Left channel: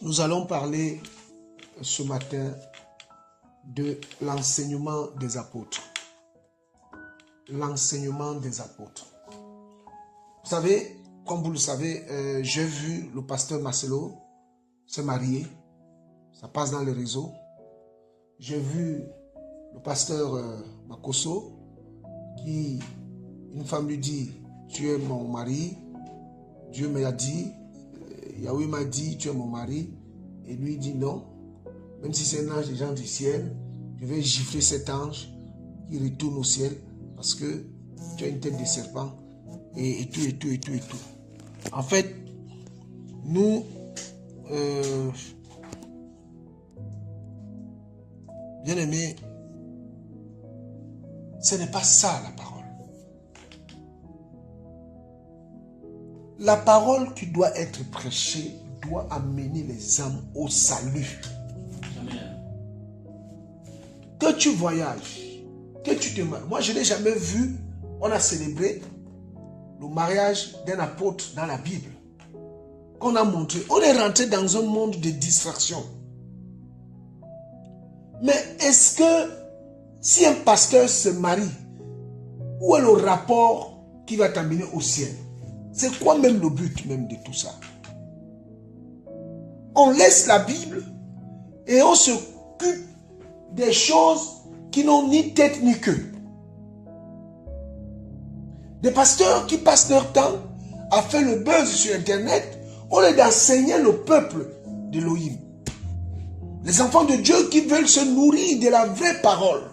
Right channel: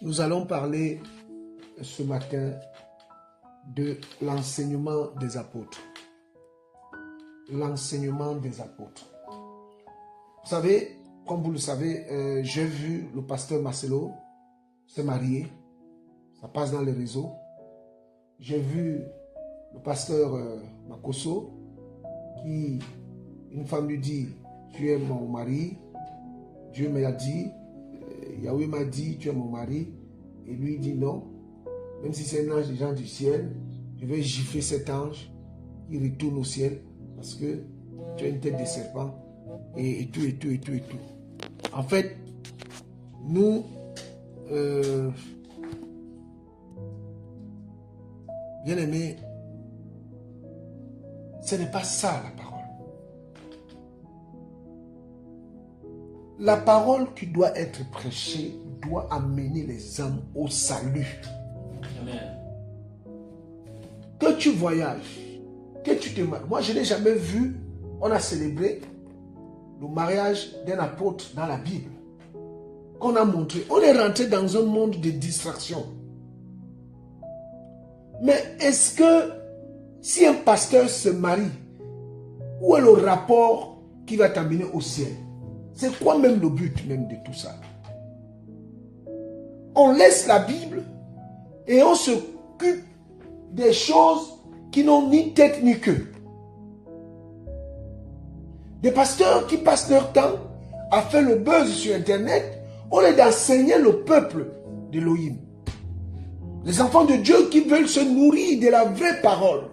Nous allons parler ce matin de l'enseignement des apôtres. L'enseignement des apôtres. Vous savez, comme vous le savez, j'ai vu le pasteur Marcelo se marier. Ça passe dans les réseaux. J'ai vu le pasteur Makoso qui, une femme lui dit, tu es mon mari. Dieu me l'a dit. Yahweh m'a dit, tu es mon mari. Et lui dit non. Même si c'est un ange des gens du ciel, je vais gifler cet ange qui retourne au ciel parce que tu as une tête de serpent et tout. En fait, nous, bien aimés, ce n'est pas ça la parole. La parole qui doit être prêchée doit amener les âmes au salut. Amen. Que tu voyages, que tu te maries. Moi, je n'ai jamais vu, on a célébré le mariage d'un apôtre dans la Bible. Qu'on a montré. On est rentré dans un monde de distraction. Mais est-ce que si un pasteur se marie, où est le rapport qui va t'amener au ciel? C'est quoi même le but même de tout ça? On laisse la Bible et on s'occupe des choses qui n'ont ni tête ni queue. Des pasteurs qui passent leur temps à faire le buzz sur Internet au lieu d'enseigner le peuple d'Élohim. Les enfants de Dieu qui veulent se nourrir de la vraie parole,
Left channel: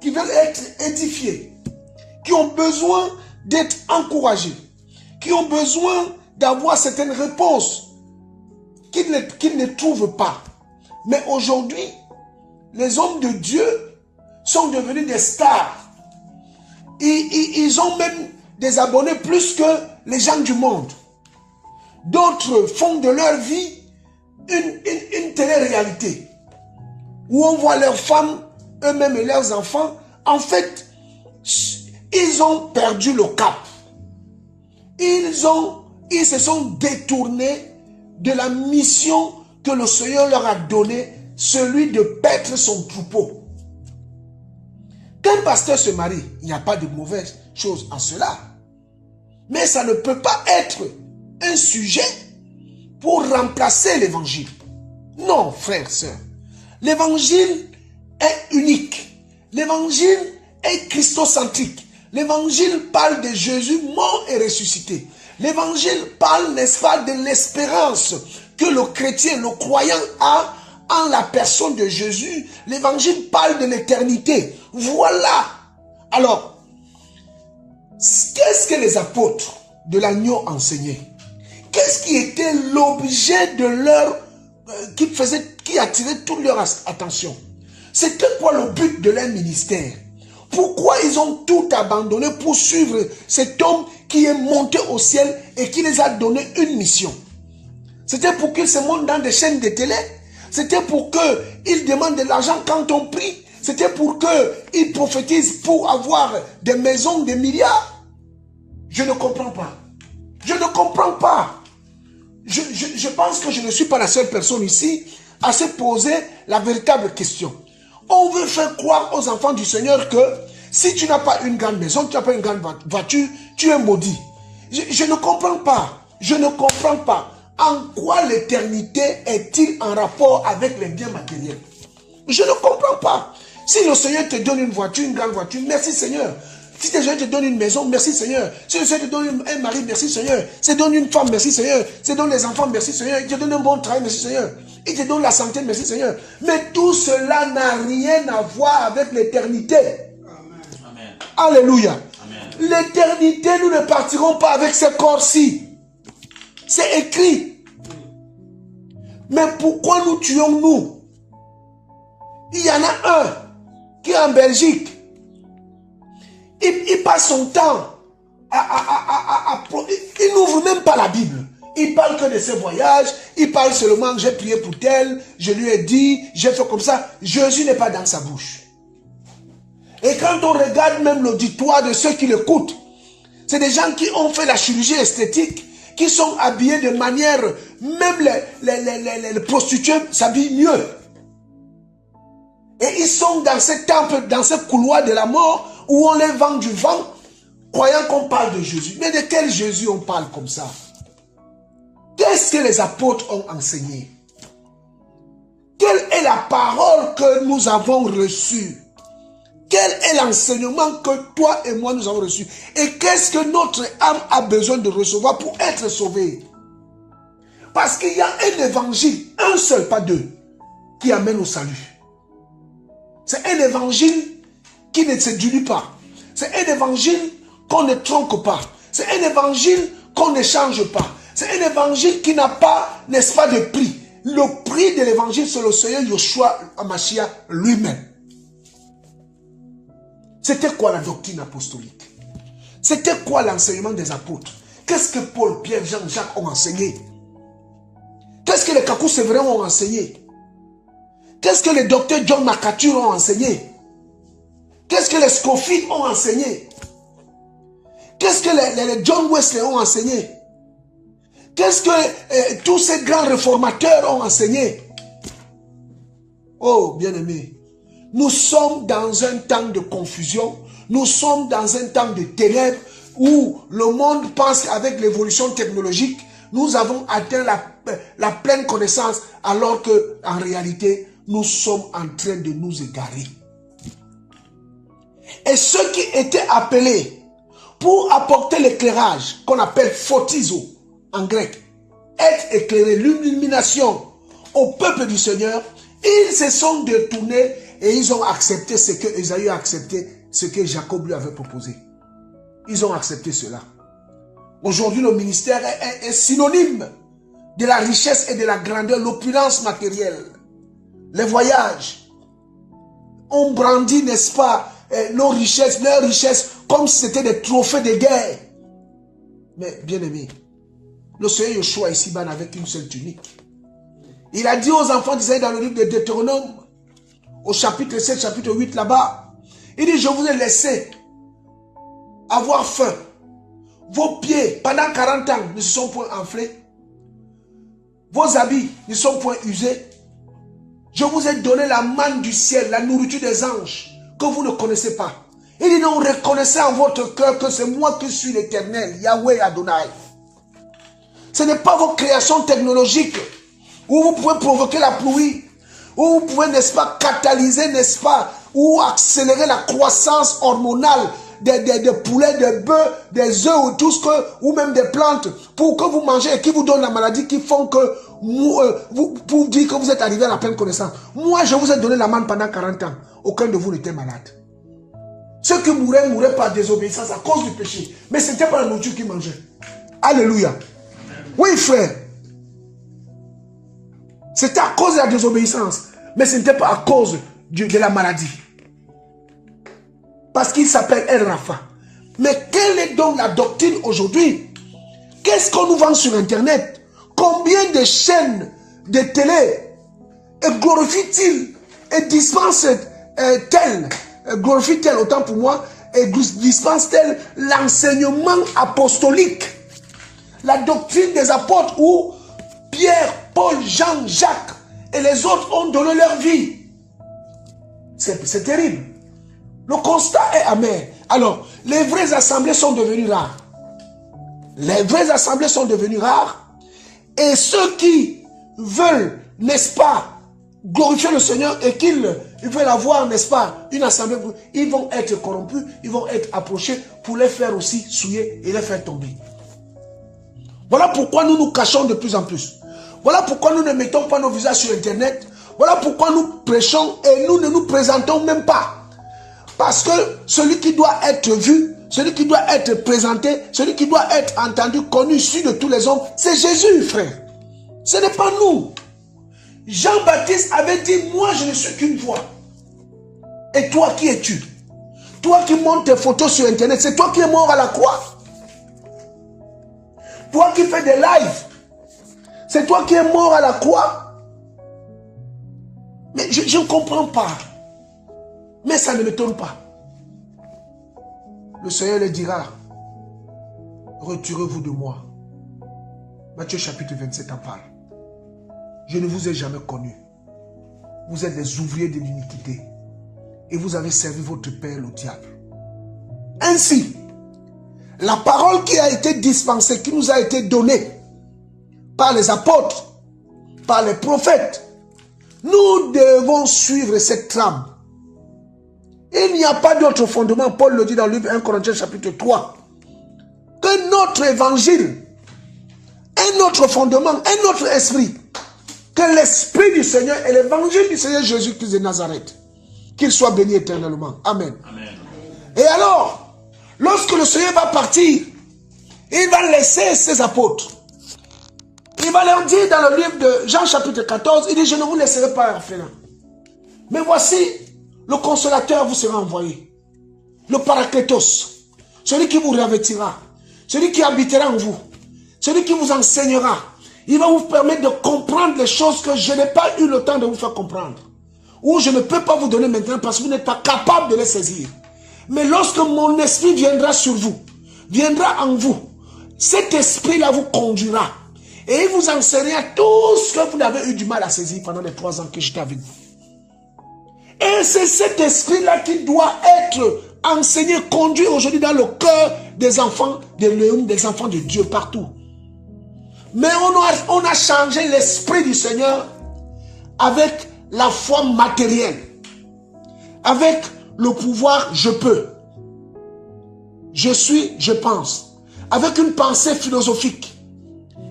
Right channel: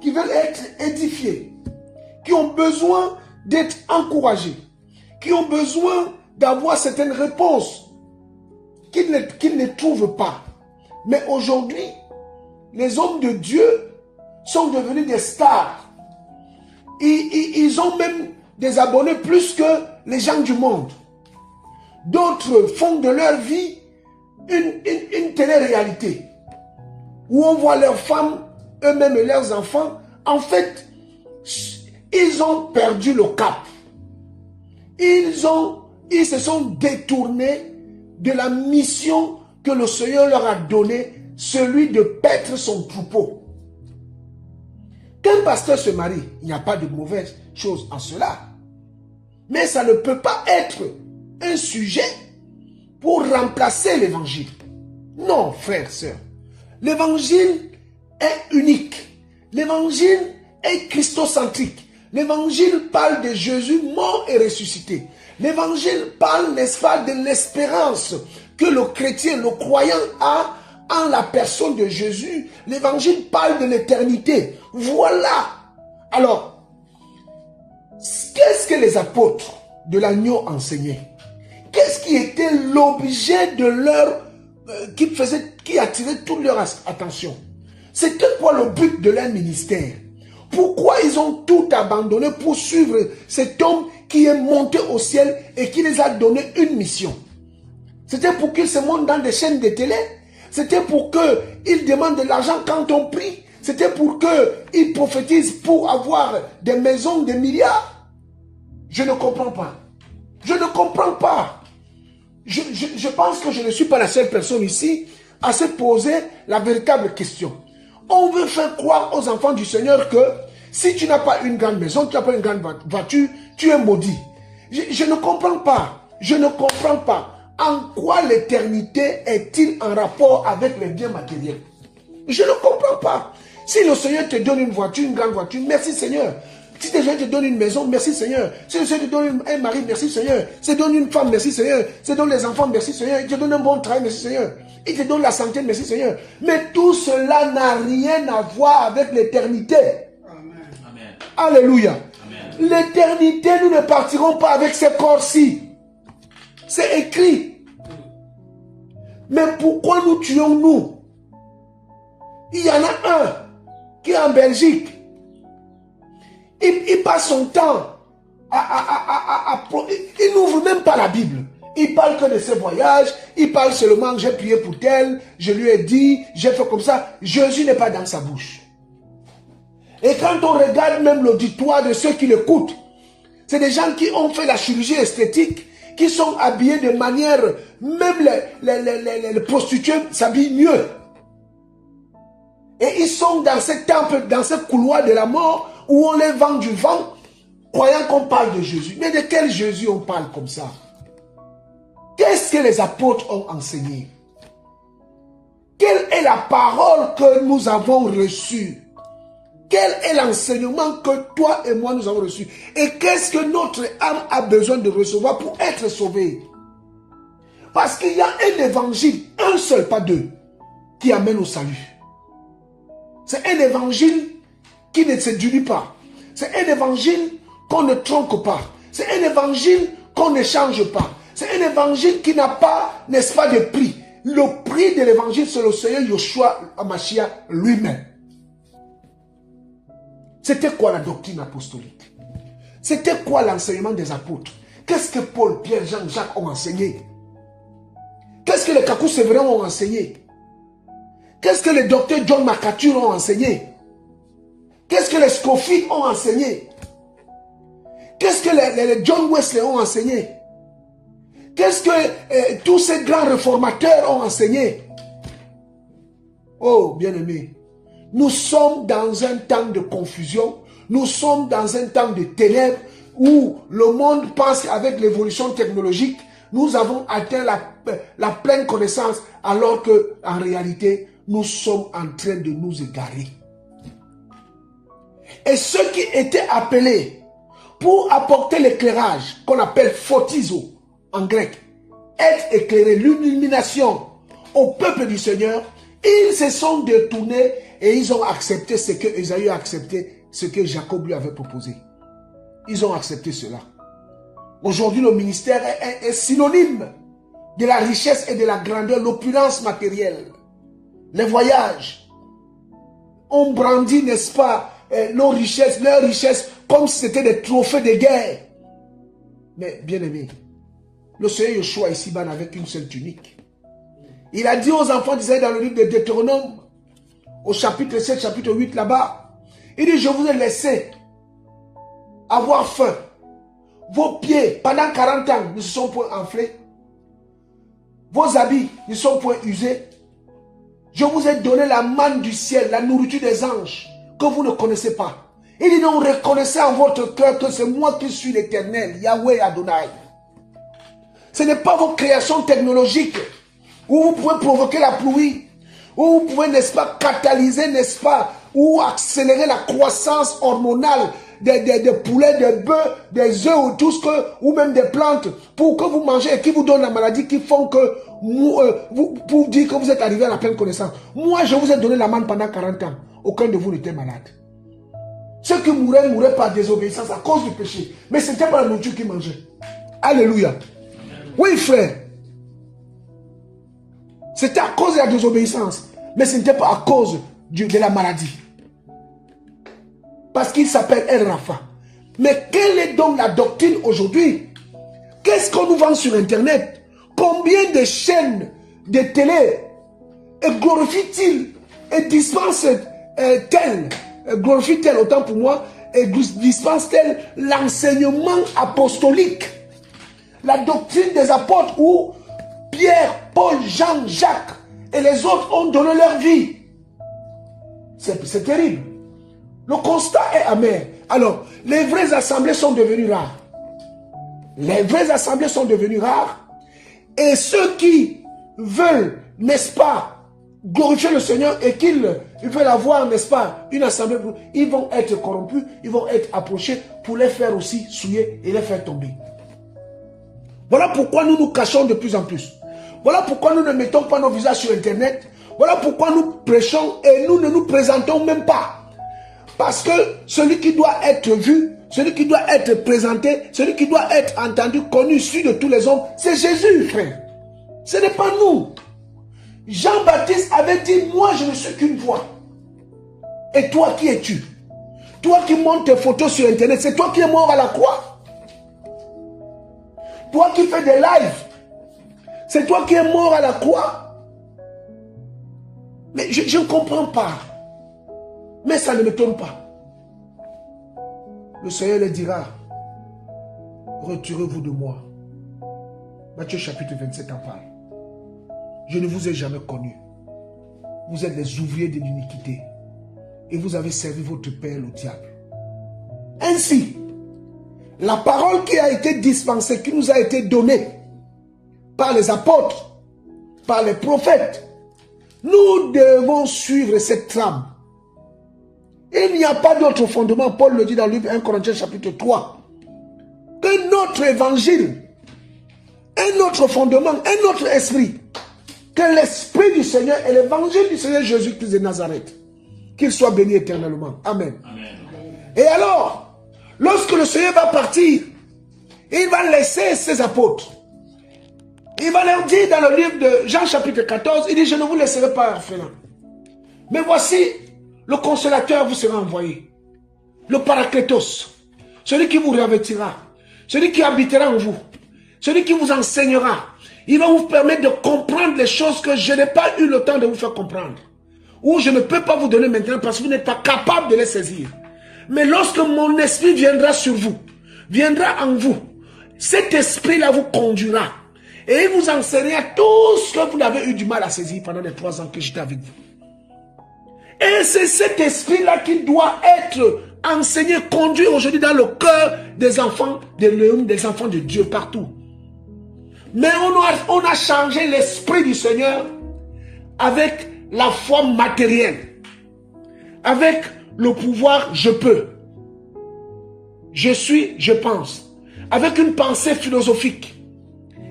qui veulent être édifiés, qui ont besoin d'être encouragés, qui ont besoin d'avoir certaines réponses qu'ils ne trouvent pas. Mais aujourd'hui, les hommes de Dieu sont devenus des stars. Ils ont même des abonnés plus que les gens du monde. D'autres font de leur vie une télé-réalité où on voit leurs femmes, eux-mêmes et leurs enfants. En fait, ils ont perdu le cap. Ils se sont détournés de la mission que le Seigneur leur a donnée, celui de paître son troupeau. Qu'un pasteur se marie, il n'y a pas de mauvaise chose en cela. Mais ça ne peut pas être un sujet pour remplacer l'évangile. Non, frères, sœurs. L'évangile est unique. L'évangile est christocentrique. L'évangile parle de Jésus mort et ressuscité. L'évangile parle, n'est-ce pas, de l'espérance que le chrétien, le croyant a en la personne de Jésus. L'évangile parle de l'éternité. Voilà. Alors, qu'est-ce que les apôtres de l'agneau enseignaient? Qu'est-ce qui était l'objet de leur... qui attirait toute leur attention? C'était quoi le but de leur ministère? Pourquoi ils ont tout abandonné pour suivre cet homme qui est monté au ciel et qui les a donné une mission? C'était pour qu'ils se montent dans des chaînes de télé? C'était pour qu'ils demandent de l'argent quand on prie? C'était pour qu'ils prophétisent pour avoir des maisons de milliards? Je ne comprends pas. Je ne comprends pas. Je pense que je ne suis pas la seule personne ici à se poser la véritable question. On veut faire croire aux enfants du Seigneur que si tu n'as pas une grande maison, tu n'as pas une grande voiture, tu es maudit. Je ne comprends pas. Je ne comprends pas. En quoi l'éternité est-il en rapport avec les biens matériels? Je ne comprends pas. Si le Seigneur te donne une voiture, une grande voiture, merci Seigneur. Si le Seigneur te donne une maison, merci Seigneur. Si le Seigneur te donne un mari, merci Seigneur. Si te donne une femme, merci Seigneur. Si te donne des enfants, merci Seigneur. Il te donne un bon travail, merci Seigneur. Il te donne la santé, merci Seigneur. Mais tout cela n'a rien à voir avec l'éternité. Amen. Alléluia. Amen. L'éternité, nous ne partirons pas avec ce corps-ci. C'est écrit. Mais pourquoi nous tuons-nous? Il y en a un qui est en Belgique. Il passe son temps il n'ouvre même pas la Bible. Il parle que de ses voyages. Il parle seulement, j'ai prié pour tel, je lui ai dit, j'ai fait comme ça. Jésus n'est pas dans sa bouche. Et quand on regarde même l'auditoire de ceux qui l'écoutent, c'est des gens qui ont fait la chirurgie esthétique qui sont habillés de manière, même les prostituées s'habillent mieux. Et ils sont dans ce temple, dans ce couloir de la mort, où on les vend du vent, croyant qu'on parle de Jésus. Mais de quel Jésus on parle comme ça? Qu'est-ce que les apôtres ont enseigné? Quelle est la parole que nous avons reçue? Quel est l'enseignement que toi et moi nous avons reçu? Et qu'est-ce que notre âme a besoin de recevoir pour être sauvée? Parce qu'il y a un évangile, un seul, pas deux, qui amène au salut. C'est un évangile qui ne se dilue pas. C'est un évangile qu'on ne tronque pas. C'est un évangile qu'on ne change pas. C'est un évangile qui n'a pas, n'est-ce pas, de prix. Le prix de l'évangile, c'est le Seigneur Yeshua Hamashiach lui-même. C'était quoi la doctrine apostolique? C'était quoi l'enseignement des apôtres? Qu'est-ce que Paul, Pierre, Jean, Jacques ont enseigné? Qu'est-ce que les Kakou Sévérin ont enseigné? Qu'est-ce que les docteurs John MacArthur ont enseigné? Qu'est-ce que les Scofield ont enseigné? Qu'est-ce que les John Wesley ont enseigné? Qu'est-ce que tous ces grands réformateurs ont enseigné? Oh, bien-aimés, nous sommes dans un temps de confusion, nous sommes dans un temps de ténèbres où le monde pense qu'avec l'évolution technologique, nous avons atteint la pleine connaissance alors qu'en réalité, nous sommes en train de nous égarer. Et ceux qui étaient appelés pour apporter l'éclairage qu'on appelle photizo en grec, être éclairé, l'illumination au peuple du Seigneur, ils se sont détournés et ils ont accepté ce que Ésaïe a accepté, ce que Jacob lui avait proposé. Ils ont accepté cela. Aujourd'hui, le ministère est synonyme de la richesse et de la grandeur, l'opulence matérielle. Les voyages. On brandit, n'est-ce pas, nos richesses, leurs richesses, comme si c'était des trophées de guerre. Mais, bien aimé, le Seigneur Yeshua ici-bas n'avait qu'une seule tunique. Il a dit aux enfants d'Israël dans le livre de Deutéronome, au chapitre 7, chapitre 8, là-bas, il dit, je vous ai laissé avoir faim. Vos pieds, pendant 40 ans, ne se sont point enflés. Vos habits ne sont point usés. Je vous ai donné la manne du ciel, la nourriture des anges, que vous ne connaissez pas. Il dit, non, reconnaissez en votre cœur que c'est moi qui suis l'Éternel, Yahweh Adonai. Ce n'est pas vos créations technologiques où vous pouvez provoquer la pluie, où vous pouvez, n'est-ce pas, catalyser, n'est-ce pas, ou accélérer la croissance hormonale des poulets, des bœufs, des œufs ou tout ce que, ou même des plantes, pour que vous mangez et qui vous donnent la maladie, qui font que, pour dire que vous êtes arrivé à la pleine connaissance. Moi, je vous ai donné la manne pendant 40 ans. Aucun de vous n'était malade. Ceux qui mouraient par désobéissance à cause du péché. Mais ce n'était pas la nourriture qu'ils mangeaient. Alléluia. Oui, frère. C'était à cause de la désobéissance. Mais ce n'était pas à cause de la maladie. Parce qu'il s'appelle El Rafa. Mais quelle est donc la doctrine aujourd'hui? Qu'est-ce qu'on nous vend sur Internet? Combien de chaînes de télé glorifient-ils et dispensent-elles, glorifient-elles autant pour moi, et dispensent-elles l'enseignement apostolique? La doctrine des apôtres où Pierre, Paul, Jean, Jacques et les autres ont donné leur vie. C'est terrible. Le constat est amer. Alors, les vraies assemblées sont devenues rares. Les vraies assemblées sont devenues rares. Et ceux qui veulent, n'est-ce pas, glorifier le Seigneur et qu'ils veulent avoir, n'est-ce pas, une assemblée, ils vont être corrompus, ils vont être approchés pour les faire aussi souiller et les faire tomber. Voilà pourquoi nous nous cachons de plus en plus. Voilà pourquoi nous ne mettons pas nos visages sur Internet. Voilà pourquoi nous prêchons et nous ne nous présentons même pas. Parce que celui qui doit être vu, celui qui doit être présenté, celui qui doit être entendu, connu, su de tous les hommes, c'est Jésus, frère. Ce n'est pas nous. Jean-Baptiste avait dit, moi je ne suis qu'une voix. Et toi, qui es-tu? Toi qui montes tes photos sur Internet, c'est toi qui es mort à la croix. Toi qui fais des lives, c'est toi qui es mort à la croix. Mais je ne comprends pas. Mais ça ne m'étonne pas. Le Seigneur leur dira, retirez-vous de moi. Matthieu chapitre 27 en parle. Je ne vous ai jamais connu. Vous êtes des ouvriers de l'iniquité. Et vous avez servi votre père, le diable. Ainsi, la parole qui a été dispensée, qui nous a été donnée par les apôtres, par les prophètes, nous devons suivre cette trame. Il n'y a pas d'autre fondement, Paul le dit dans le livre 1 Corinthiens chapitre 3, que notre évangile, un autre fondement, un autre esprit, que l'esprit du Seigneur et l'évangile du Seigneur Jésus-Christ de Nazareth, qu'il soit béni éternellement. Amen. Amen. Et alors, lorsque le Seigneur va partir, il va laisser ses apôtres. Il va leur dire dans le livre de Jean chapitre 14, il dit, je ne vous laisserai pas orphelins. Mais voici, le consolateur vous sera envoyé. Le Paraclétos, celui qui vous revêtira, celui qui habitera en vous, celui qui vous enseignera. Il va vous permettre de comprendre les choses que je n'ai pas eu le temps de vous faire comprendre. Ou je ne peux pas vous donner maintenant parce que vous n'êtes pas capable de les saisir. Mais lorsque mon esprit viendra sur vous, viendra en vous, cet esprit-là vous conduira. Et il vous enseignera tout ce que vous avez eu du mal à saisir pendant les 3 ans que j'étais avec vous. Et c'est cet esprit-là qui doit être enseigné, conduit aujourd'hui dans le cœur des enfants de l'homme, des enfants de Dieu partout. Mais on a changé l'esprit du Seigneur avec la foi matérielle, avec le pouvoir je peux, je suis, je pense, avec une pensée philosophique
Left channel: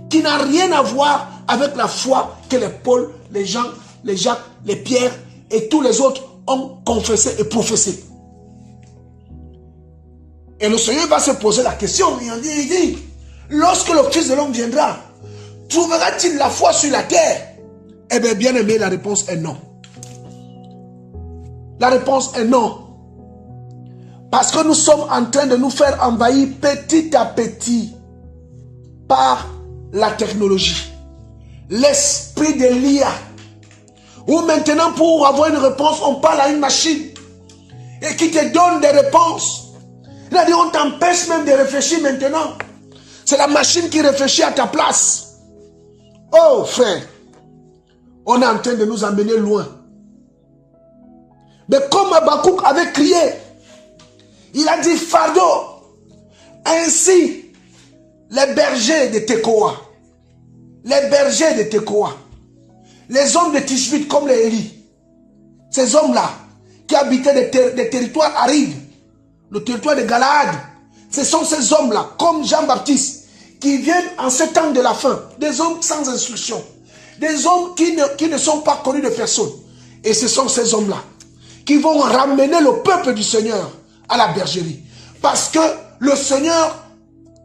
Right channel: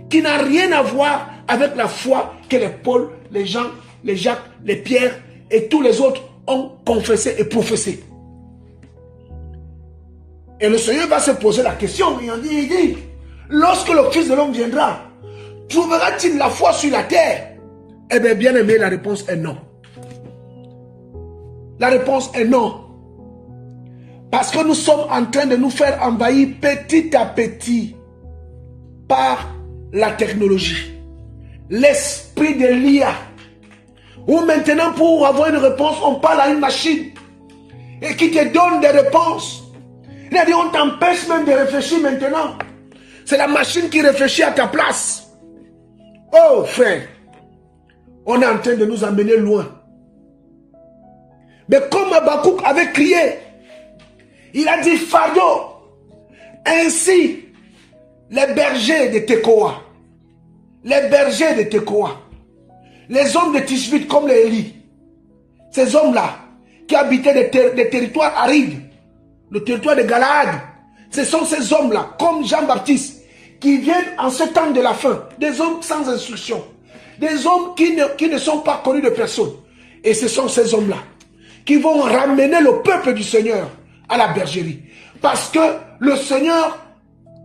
qui n'a rien à voir avec la foi que les Paul, les Jean, les Jacques, les Pierre et tous les autres ont confessé et professé. Et le Seigneur va se poser la question, il dit, lorsque le Fils de l'homme viendra, trouvera-t-il la foi sur la terre? Eh bien, bien aimé, la réponse est non. La réponse est non. Parce que nous sommes en train de nous faire envahir petit à petit par la technologie. L'esprit de l'IA. Où maintenant, pour avoir une réponse, on parle à une machine et qui te donne des réponses. C'est-à-dire, on t'empêche même de réfléchir maintenant. C'est la machine qui réfléchit à ta place. Oh frère, on est en train de nous emmener loin. Mais comme Habakkuk avait crié, il a dit fardeau. Ainsi, les bergers de Tekoa, les bergers de Tekoa, les hommes de Tishbit comme les Élis, ces hommes-là qui habitaient des territoires arides, le territoire de Galaad, ce sont ces hommes-là, comme Jean-Baptiste, qui viennent en ce temps de la fin, des hommes sans instruction, des hommes qui ne sont pas connus de personne. Et ce sont ces hommes-là qui vont ramener le peuple du Seigneur à la bergerie. Parce que le Seigneur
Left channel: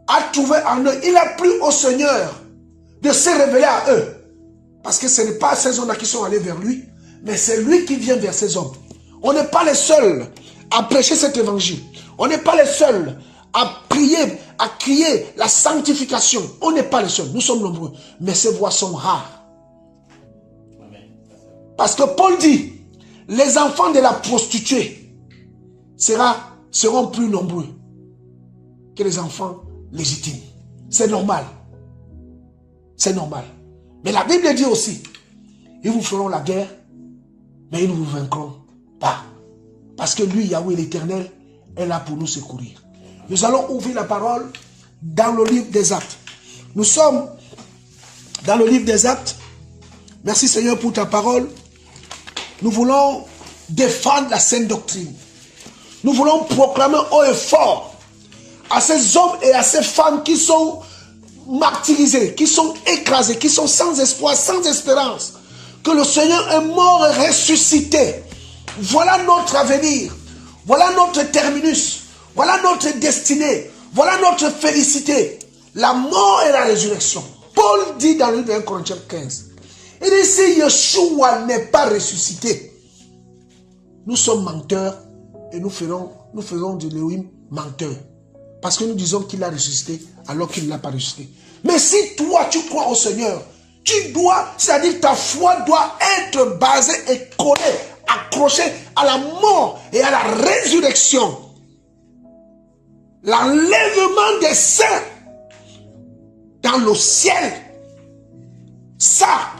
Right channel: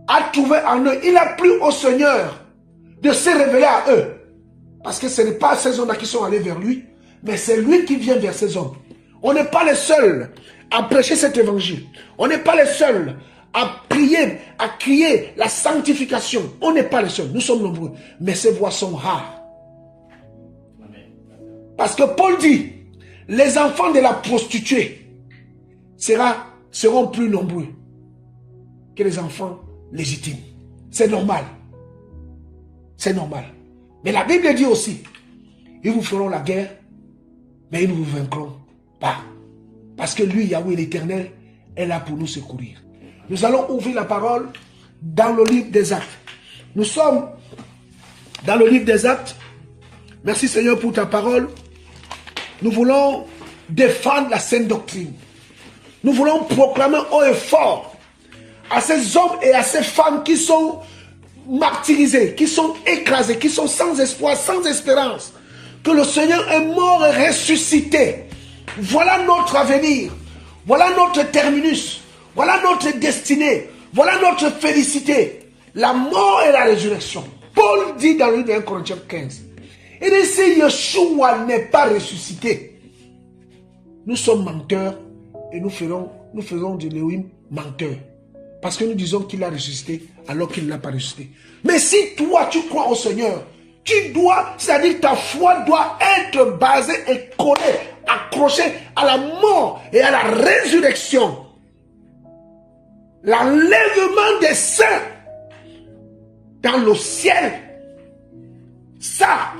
a trouvé en eux, il a plu au Seigneur de se révéler à eux. Parce que ce n'est pas ces hommes-là qui sont allés vers lui, mais c'est lui qui vient vers ces hommes. On n'est pas les seuls à prêcher cet évangile. On n'est pas les seuls à prier, à crier la sanctification. On n'est pas les seuls, nous sommes nombreux. Mais ces voix sont rares. Parce que Paul dit, les enfants de la prostituée seront plus nombreux que les enfants légitimes. C'est normal. C'est normal. Mais la Bible dit aussi, ils vous feront la guerre, mais ils ne vous vaincront pas. Parce que lui, Yahweh l'Éternel, est là pour nous secourir. Nous allons ouvrir la parole dans le livre des Actes. Nous sommes dans le livre des Actes. Merci Seigneur pour ta parole. Nous voulons défendre la sainte doctrine. Nous voulons proclamer haut et fort à ces hommes et à ces femmes qui sont martyrisés, qui sont écrasés, qui sont sans espoir, sans espérance, que le Seigneur est mort et ressuscité. Voilà notre avenir, voilà notre terminus, voilà notre destinée, voilà notre félicité, la mort et la résurrection. Paul dit dans le livre de 1 Corinthiens 15, il dit si Yeshua n'est pas ressuscité, nous sommes menteurs et nous faisons de Léoïm menteur. Parce que nous disons qu'il a ressuscité alors qu'il n'a pas ressuscité. Mais si toi tu crois au Seigneur, tu dois, c'est-à-dire ta foi doit être basée et collée, accrochée à la mort et à la résurrection. L'enlèvement des saints dans le ciel Ça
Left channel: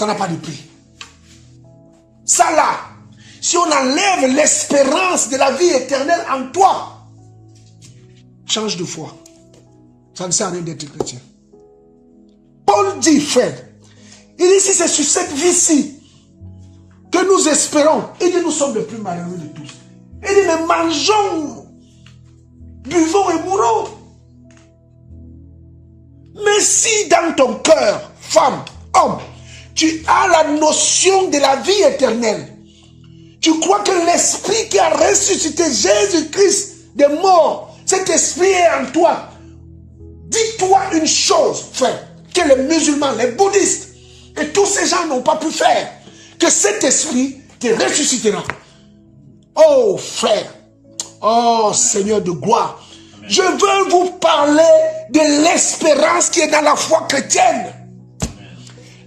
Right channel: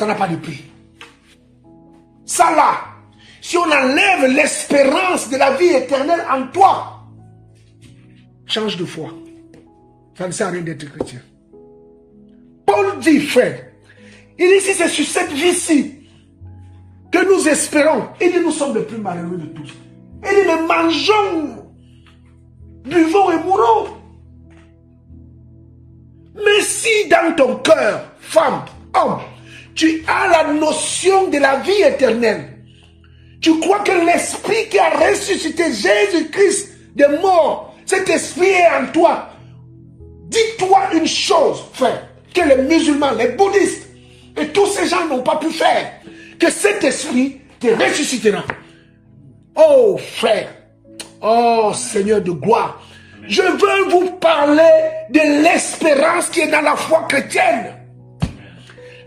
n'a pas de prix. Ça là, si on enlève l'espérance de la vie éternelle en toi, change de foi. Ça ne sert à rien d'être chrétien. Paul dit, frère, il dit si c'est sur cette vie-ci que nous espérons, il dit nous sommes les plus malheureux de tous. Il dit mais mangeons, buvons et mourons. Mais si dans ton cœur, femme, homme, tu as la notion de la vie éternelle, tu crois que l'esprit qui a ressuscité Jésus-Christ des morts, cet esprit est en toi. Dis-toi une chose, frère, que les musulmans, les bouddhistes et tous ces gens n'ont pas pu faire, que cet esprit te ressuscitera. Oh frère, oh Seigneur de gloire, je veux vous parler de l'espérance qui est dans la foi chrétienne.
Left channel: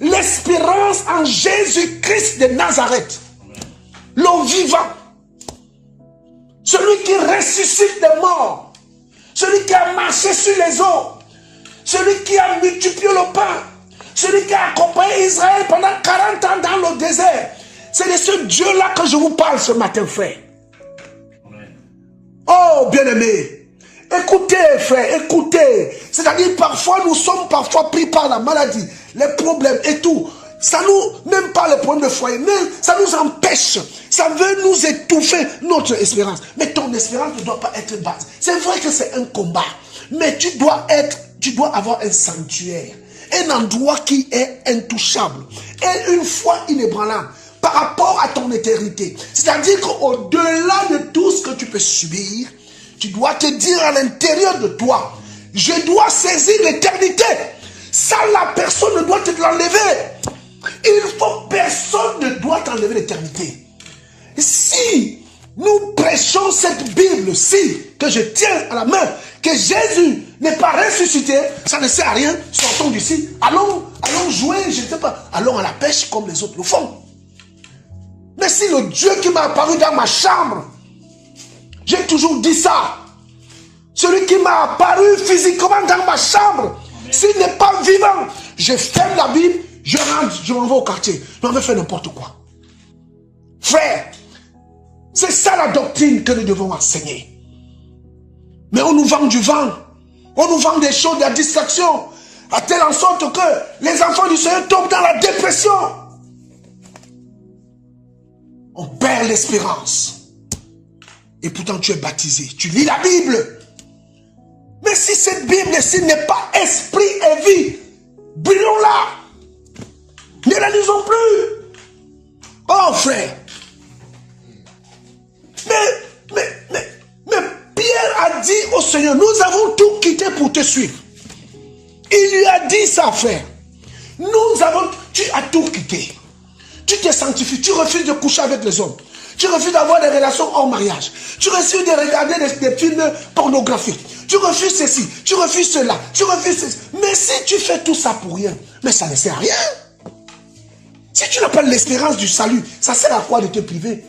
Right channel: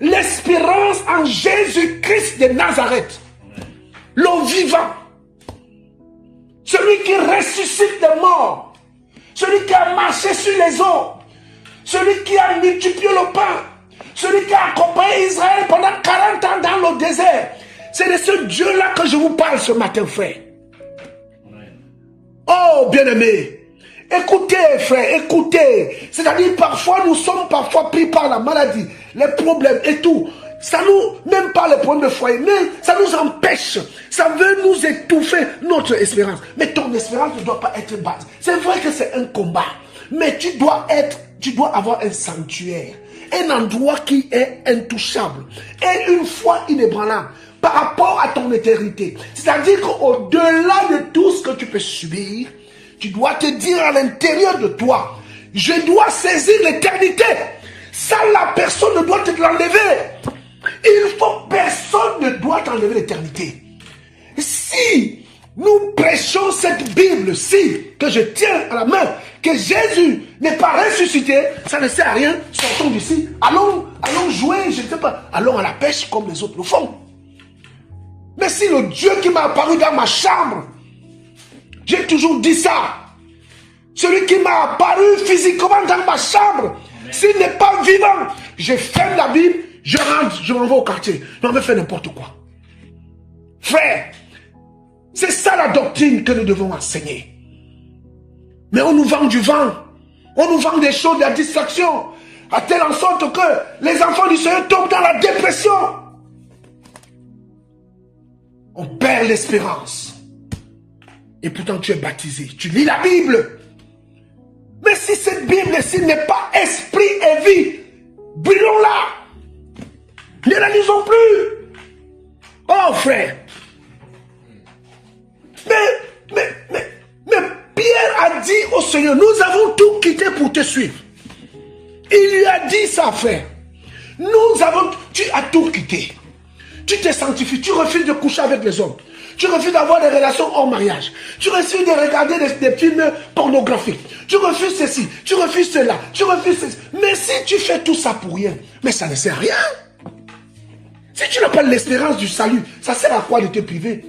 L'espérance en Jésus-Christ de Nazareth. L'homme vivant. Celui qui ressuscite les morts. Celui qui a marché sur les eaux. Celui qui a multiplié le pain. Celui qui a accompagné Israël pendant 40 ans dans le désert. C'est de ce Dieu-là que je vous parle ce matin, frère. Oh, bien-aimé. Écoutez, frère, écoutez. C'est-à-dire, parfois, nous sommes parfois pris par la maladie, les problèmes et tout. Ça nous, même pas les problèmes de foyer, mais ça nous empêche. Ça veut nous étouffer notre espérance. Mais ton espérance ne doit pas être basse. C'est vrai que c'est un combat. Mais tu dois avoir un sanctuaire. Un endroit qui est intouchable. Et une foi inébranlable par rapport à ton éternité. C'est-à-dire qu'au-delà de tout ce que tu peux subir, tu dois te dire à l'intérieur de toi, je dois saisir l'éternité. Ça, la personne ne doit te l'enlever. Il faut, personne ne doit t'enlever l'éternité. Si nous prêchons cette Bible-ci, que je tiens à la main, que Jésus n'est pas ressuscité, ça ne sert à rien, sortons d'ici, allons jouer, je ne sais pas, allons à la pêche comme les autres le font. Mais si le Dieu qui m'a apparu dans ma chambre, j'ai toujours dit ça, celui qui m'a apparu physiquement dans ma chambre, s'il n'est pas vivant, je ferme la Bible, je rentre, je m'en vais au quartier, je m'en vais faire n'importe quoi. Frère, c'est ça la doctrine que nous devons enseigner. Mais on nous vend du vent, on nous vend des choses, de la distraction, à telle en sorte que les enfants du Seigneur tombent dans la dépression. On perd l'espérance. Et pourtant tu es baptisé, tu lis la Bible. Mais si cette Bible-ci n'est pas esprit et vie, brûlons-la. Ne la lisons plus. Oh frère. Mais Pierre a dit au Seigneur, nous avons tout quitté pour te suivre. Il lui a dit ça, frère. Tu as tout quitté. Tu te sanctifies, tu refuses de coucher avec les hommes. Tu refuses d'avoir des relations hors mariage. Tu refuses de regarder des films pornographiques. Tu refuses ceci, tu refuses cela, tu refuses ceci. Mais si tu fais tout ça pour rien, mais ça ne sert à rien. Si tu n'as pas l'espérance du salut, ça sert à quoi de te priver?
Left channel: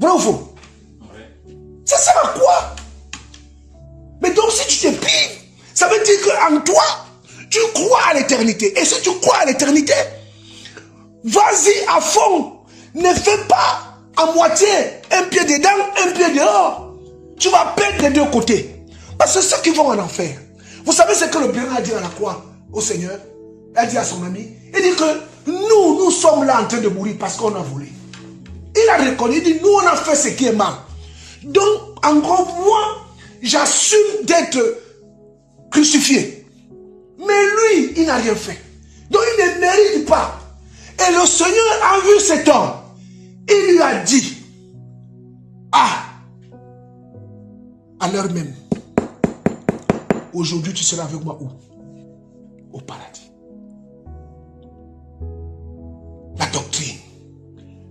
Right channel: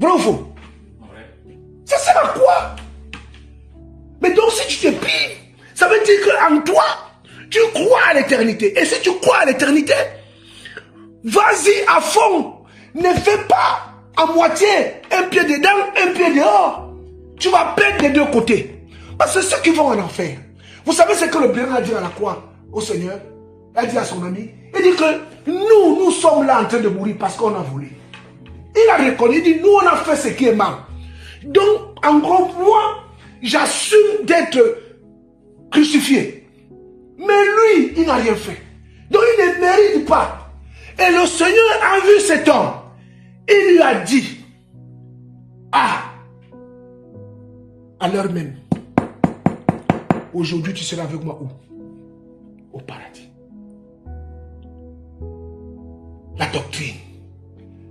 Vrai ou faux? Ça sert à quoi? Mais donc si tu te prives, ça veut dire qu'en toi, tu crois à l'éternité. Et si tu crois à l'éternité, vas-y à fond. Ne fais pas à moitié, un pied dedans, un pied dehors. Tu vas perdre des deux côtés. Parce que ceux qui vont en enfer, vous savez ce que le Bénin a dit à la croix au Seigneur? Il a dit à son ami, il dit que nous sommes là en train de mourir parce qu'on a voulu. Il a reconnu, il dit, nous on a fait ce qui est mal. Donc, en gros, moi, j'assume d'être crucifié. Mais lui, il n'a rien fait. Donc, il ne mérite pas. Et le Seigneur a vu cet homme. Il lui a dit, à l'heure même, aujourd'hui tu seras avec moi où? Au paradis. La doctrine,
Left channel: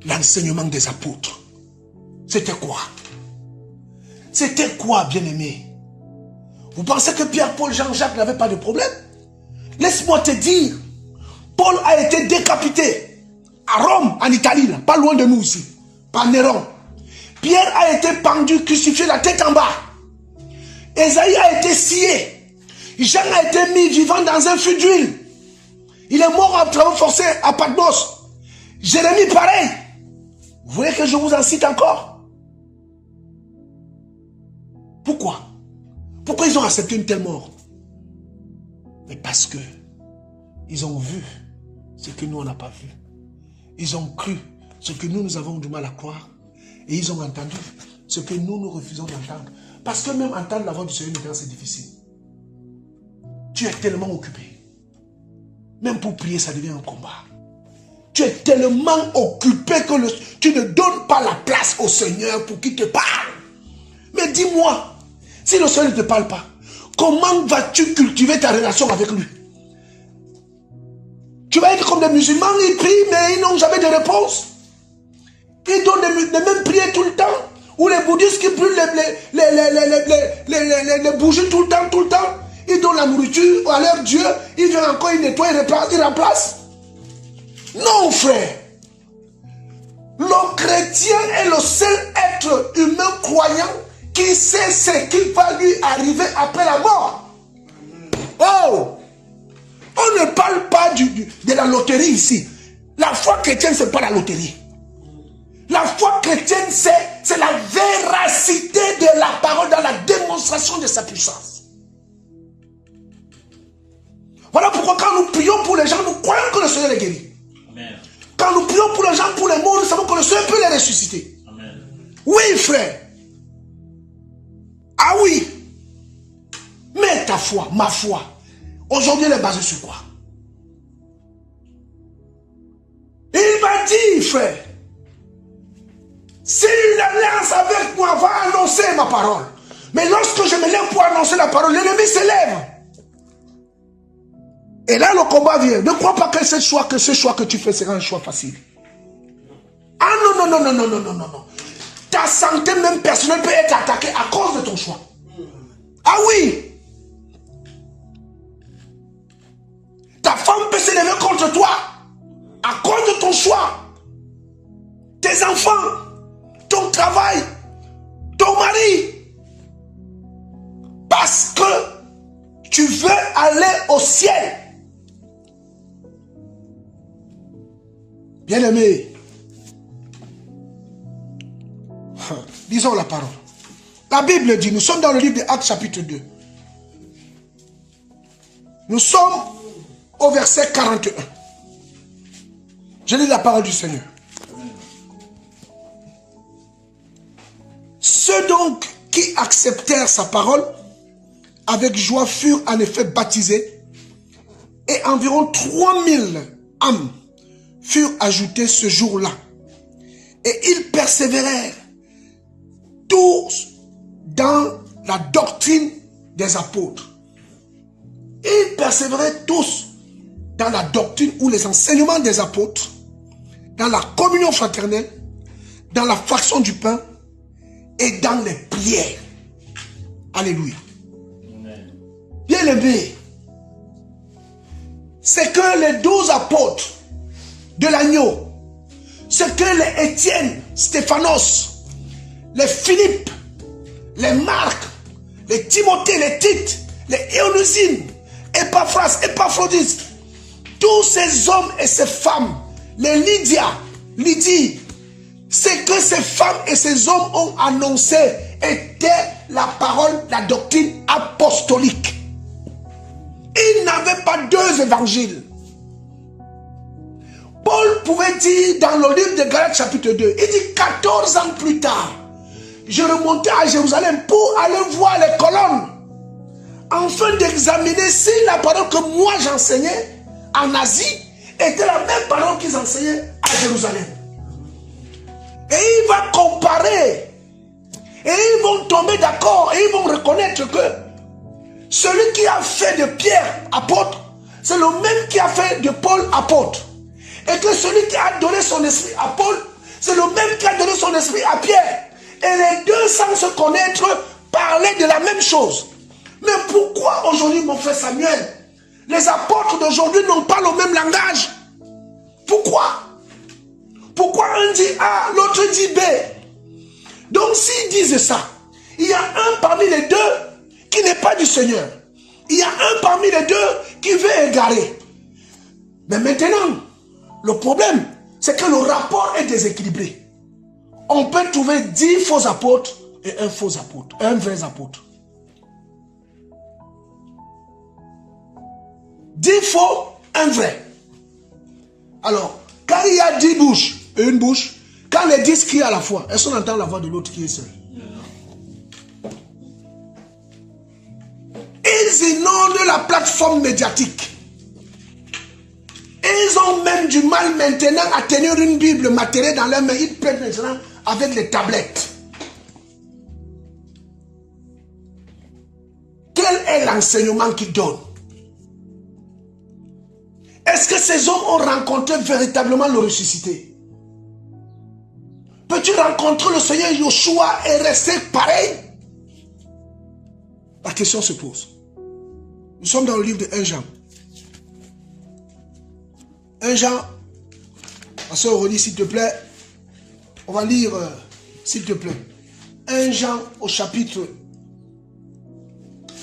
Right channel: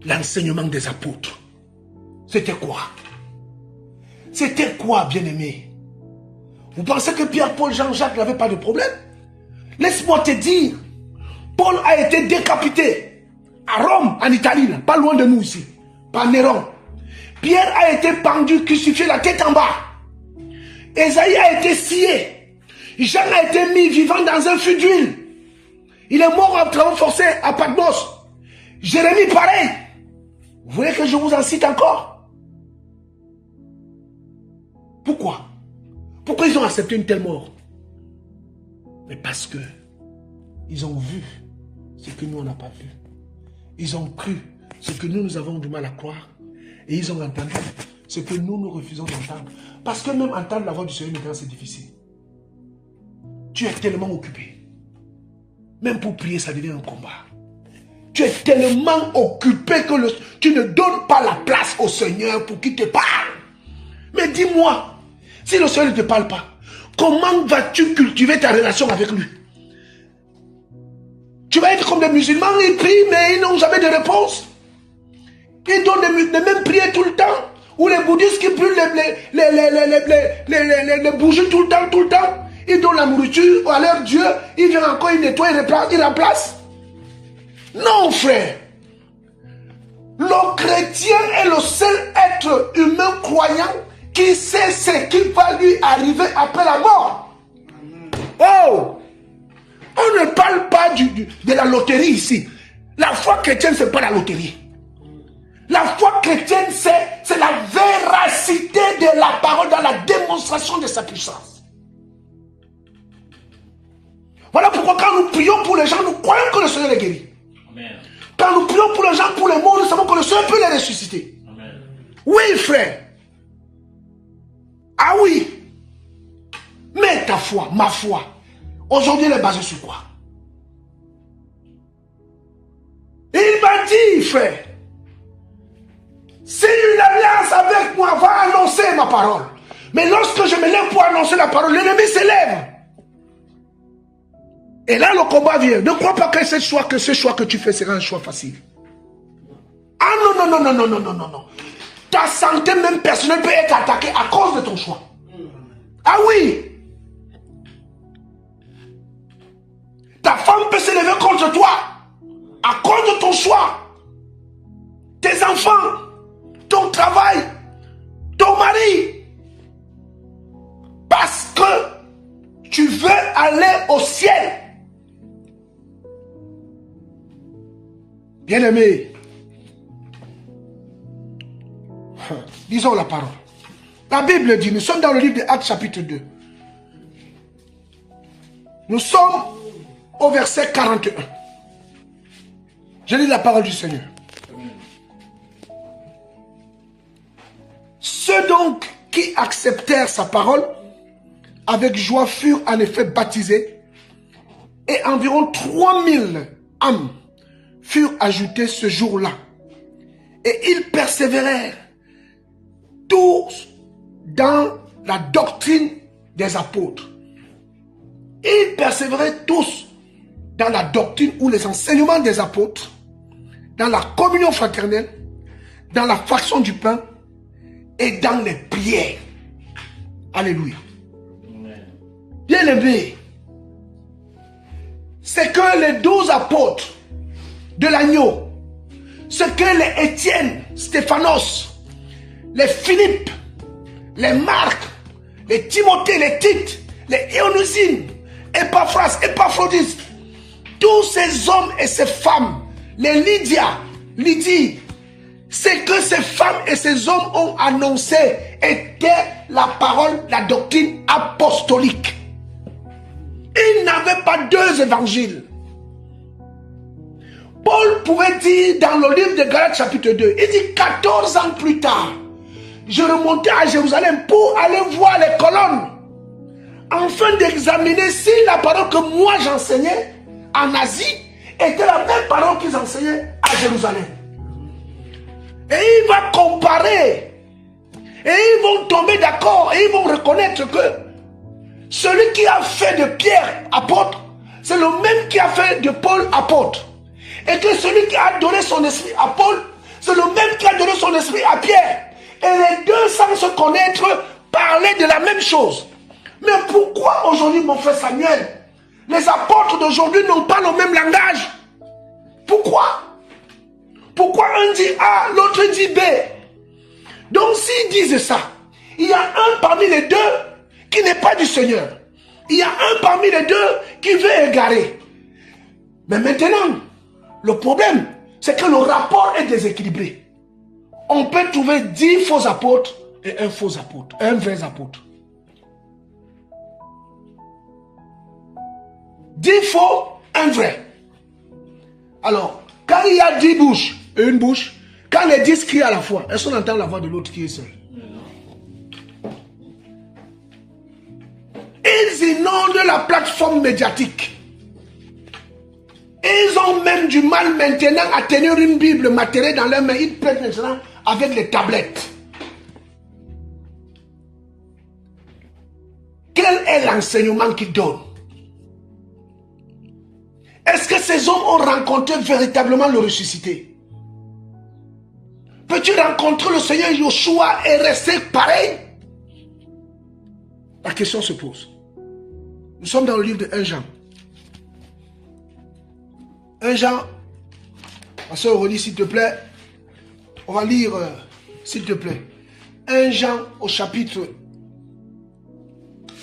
l'enseignement des apôtres, c'était quoi? C'était quoi, bien-aimé? Vous pensez que Pierre, Paul, Jean-Jacques n'avaient pas de problème? Laisse-moi te dire, Paul a été décapité à Rome, en Italie, là, pas loin de nous ici, par Néron. Pierre a été pendu, crucifié, la tête en bas. Ésaïe a été scié. Jean a été mis vivant dans un feu d'huile. Il est mort en travaux forcés à Patmos. Jérémie, pareil. Vous voulez que je vous en cite encore? Pourquoi? Pourquoi ils ont accepté une telle mort? Mais parce que ils ont vu ce que nous, on n'a pas vu. Ils ont cru ce que nous avons du mal à croire. Et ils ont entendu ce que nous refusons d'entendre. Parce que même entendre la voix du Seigneur maintenant, c'est difficile. Tu es tellement occupé. Même pour prier, ça devient un combat. Tu es tellement occupé que tu ne donnes pas la place au Seigneur pour qu'il te parle. Mais dis-moi, si le Seigneur ne te parle pas, comment vas-tu cultiver ta relation avec lui? Tu vas être comme des musulmans, ils prient, mais ils n'ont jamais de réponse. Ils donnent les mêmes prières tout le temps. Ou les bouddhistes qui brûlent les bougies tout le temps. Ils donnent la nourriture à leur Dieu. Ils viennent encore, ils nettoient, ils remplacent. Non, frère. Le chrétien est le seul être humain croyant qui sait ce qui va lui arriver après la mort. Oh! On ne parle pas de la loterie ici. La foi chrétienne, ce n'est pas la loterie. La foi chrétienne, c'est la véracité de la parole dans la démonstration de sa puissance. Voilà pourquoi quand nous prions pour les gens, nous croyons que le Seigneur les guérit. Amen. Quand nous prions pour les gens, pour les morts, nous savons que le Seigneur peut les ressusciter. Amen. Oui, frère. Ah oui. Mais ta foi, ma foi, aujourd'hui, elle est basée sur quoi? Il m'a dit, frère, si une alliance avec moi va annoncer ma parole. Mais lorsque je me lève pour annoncer la parole, l'ennemi s'élève. Et là, le combat vient. Ne crois pas que ce choix que tu fais sera un choix facile. Ah non. Ta santé même personnelle peut être attaquée à cause de ton choix. Ah oui. Ta femme peut se lever contre toi à cause de ton choix. Tes enfants, ton travail, ton mari. Parce que tu veux aller au ciel. Bien-aimé, lisons la parole. La Bible dit, nous sommes dans le livre de Actes chapitre 2. Nous sommes au verset 41. Je lis la parole du Seigneur. Ceux donc qui acceptèrent sa parole avec joie furent en effet baptisés et environ 3000 âmes furent ajoutées ce jour-là. Et ils persévérèrent tous dans la doctrine des apôtres. Ils persévéraient tous dans la doctrine ou les enseignements des apôtres, dans la communion fraternelle, dans la fraction du pain et dans les prières. Alléluia. Bien-aimés, c'est que les 12 apôtres de l'agneau, ce que les Étienne, Stéphanos, les Philippe, les Marc, les Timothée, les Tite, les Éonusine, Épaphrodite, tous ces hommes et ces femmes, les Lydie, c'est que ces femmes et ces hommes ont annoncé était la parole, la doctrine apostolique. Ils n'avaient pas deux évangiles. Paul pouvait dire dans le livre de Galates chapitre 2, il dit 14 ans plus tard, je remontais à Jérusalem pour aller voir les colonnes, afin d'examiner si la parole que moi j'enseignais en Asie était la même parole qu'ils enseignaient à Jérusalem. Et il va comparer, et ils vont tomber d'accord, et ils vont reconnaître que celui qui a fait de Pierre apôtre, c'est le même qui a fait de Paul apôtre. Et que celui qui a donné son esprit à Paul, c'est le même qui a donné son esprit à Pierre. Et les deux, sans se connaître, parlaient de la même chose. Mais pourquoi aujourd'hui, mon frère Samuel, les apôtres d'aujourd'hui n'ont pas le même langage? Pourquoi? Pourquoi un dit A, l'autre dit B? Donc s'ils disent ça, il y a un parmi les deux qui n'est pas du Seigneur. Il y a un parmi les deux qui veut égarer. Mais maintenant, le problème, c'est que le rapport est déséquilibré. On peut trouver 10 faux apôtres et un faux apôtre, un vrai apôtre. 10 faux, un vrai. Alors, quand il y a 10 bouches et une bouche, quand les 10 crient à la fois, est-ce qu'on entend la voix de l'autre qui est seul? Ils inondent la plateforme médiatique. Et ils ont même du mal maintenant à tenir une Bible matérielle dans leurs mains. Ils prennent maintenant avec les tablettes. Quel est l'enseignement qu'ils donnent? Est-ce que ces hommes ont rencontré véritablement le ressuscité? Peux-tu rencontrer le Seigneur Yoshua et rester pareil? La question se pose. Nous sommes dans le livre de 1 Jean. 1 Jean, ma soeur Aurélie, s'il te plaît, on va lire, s'il te plaît, 1 Jean au chapitre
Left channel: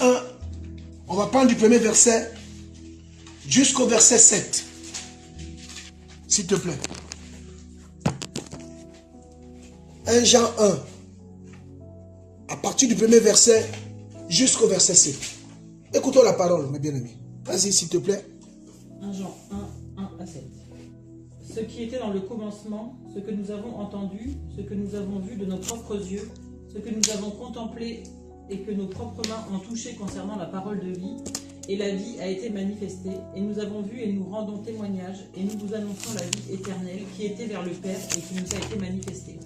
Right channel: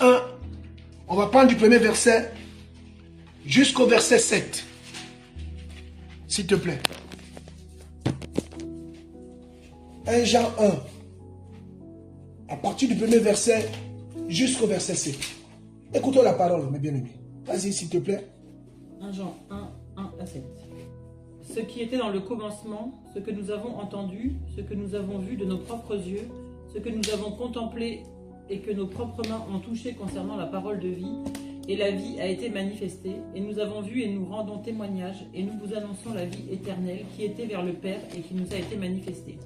1, on va prendre du premier verset jusqu'au verset 7, s'il te plaît. 1 Jean 1, à partir du premier verset jusqu'au verset 7. Écoutons la parole, mes bien-aimés. Vas-y, s'il te plaît. 1 Jean 1, 1 à 7. Ce qui était dans le commencement, ce que nous avons entendu, ce que nous avons vu de nos propres yeux, ce que nous avons contemplé et que nos propres mains ont touché concernant la parole de vie, et la vie a été manifestée, et nous avons vu et nous rendons témoignage, et nous vous annonçons la vie éternelle qui était vers le Père et qui nous a été manifestée.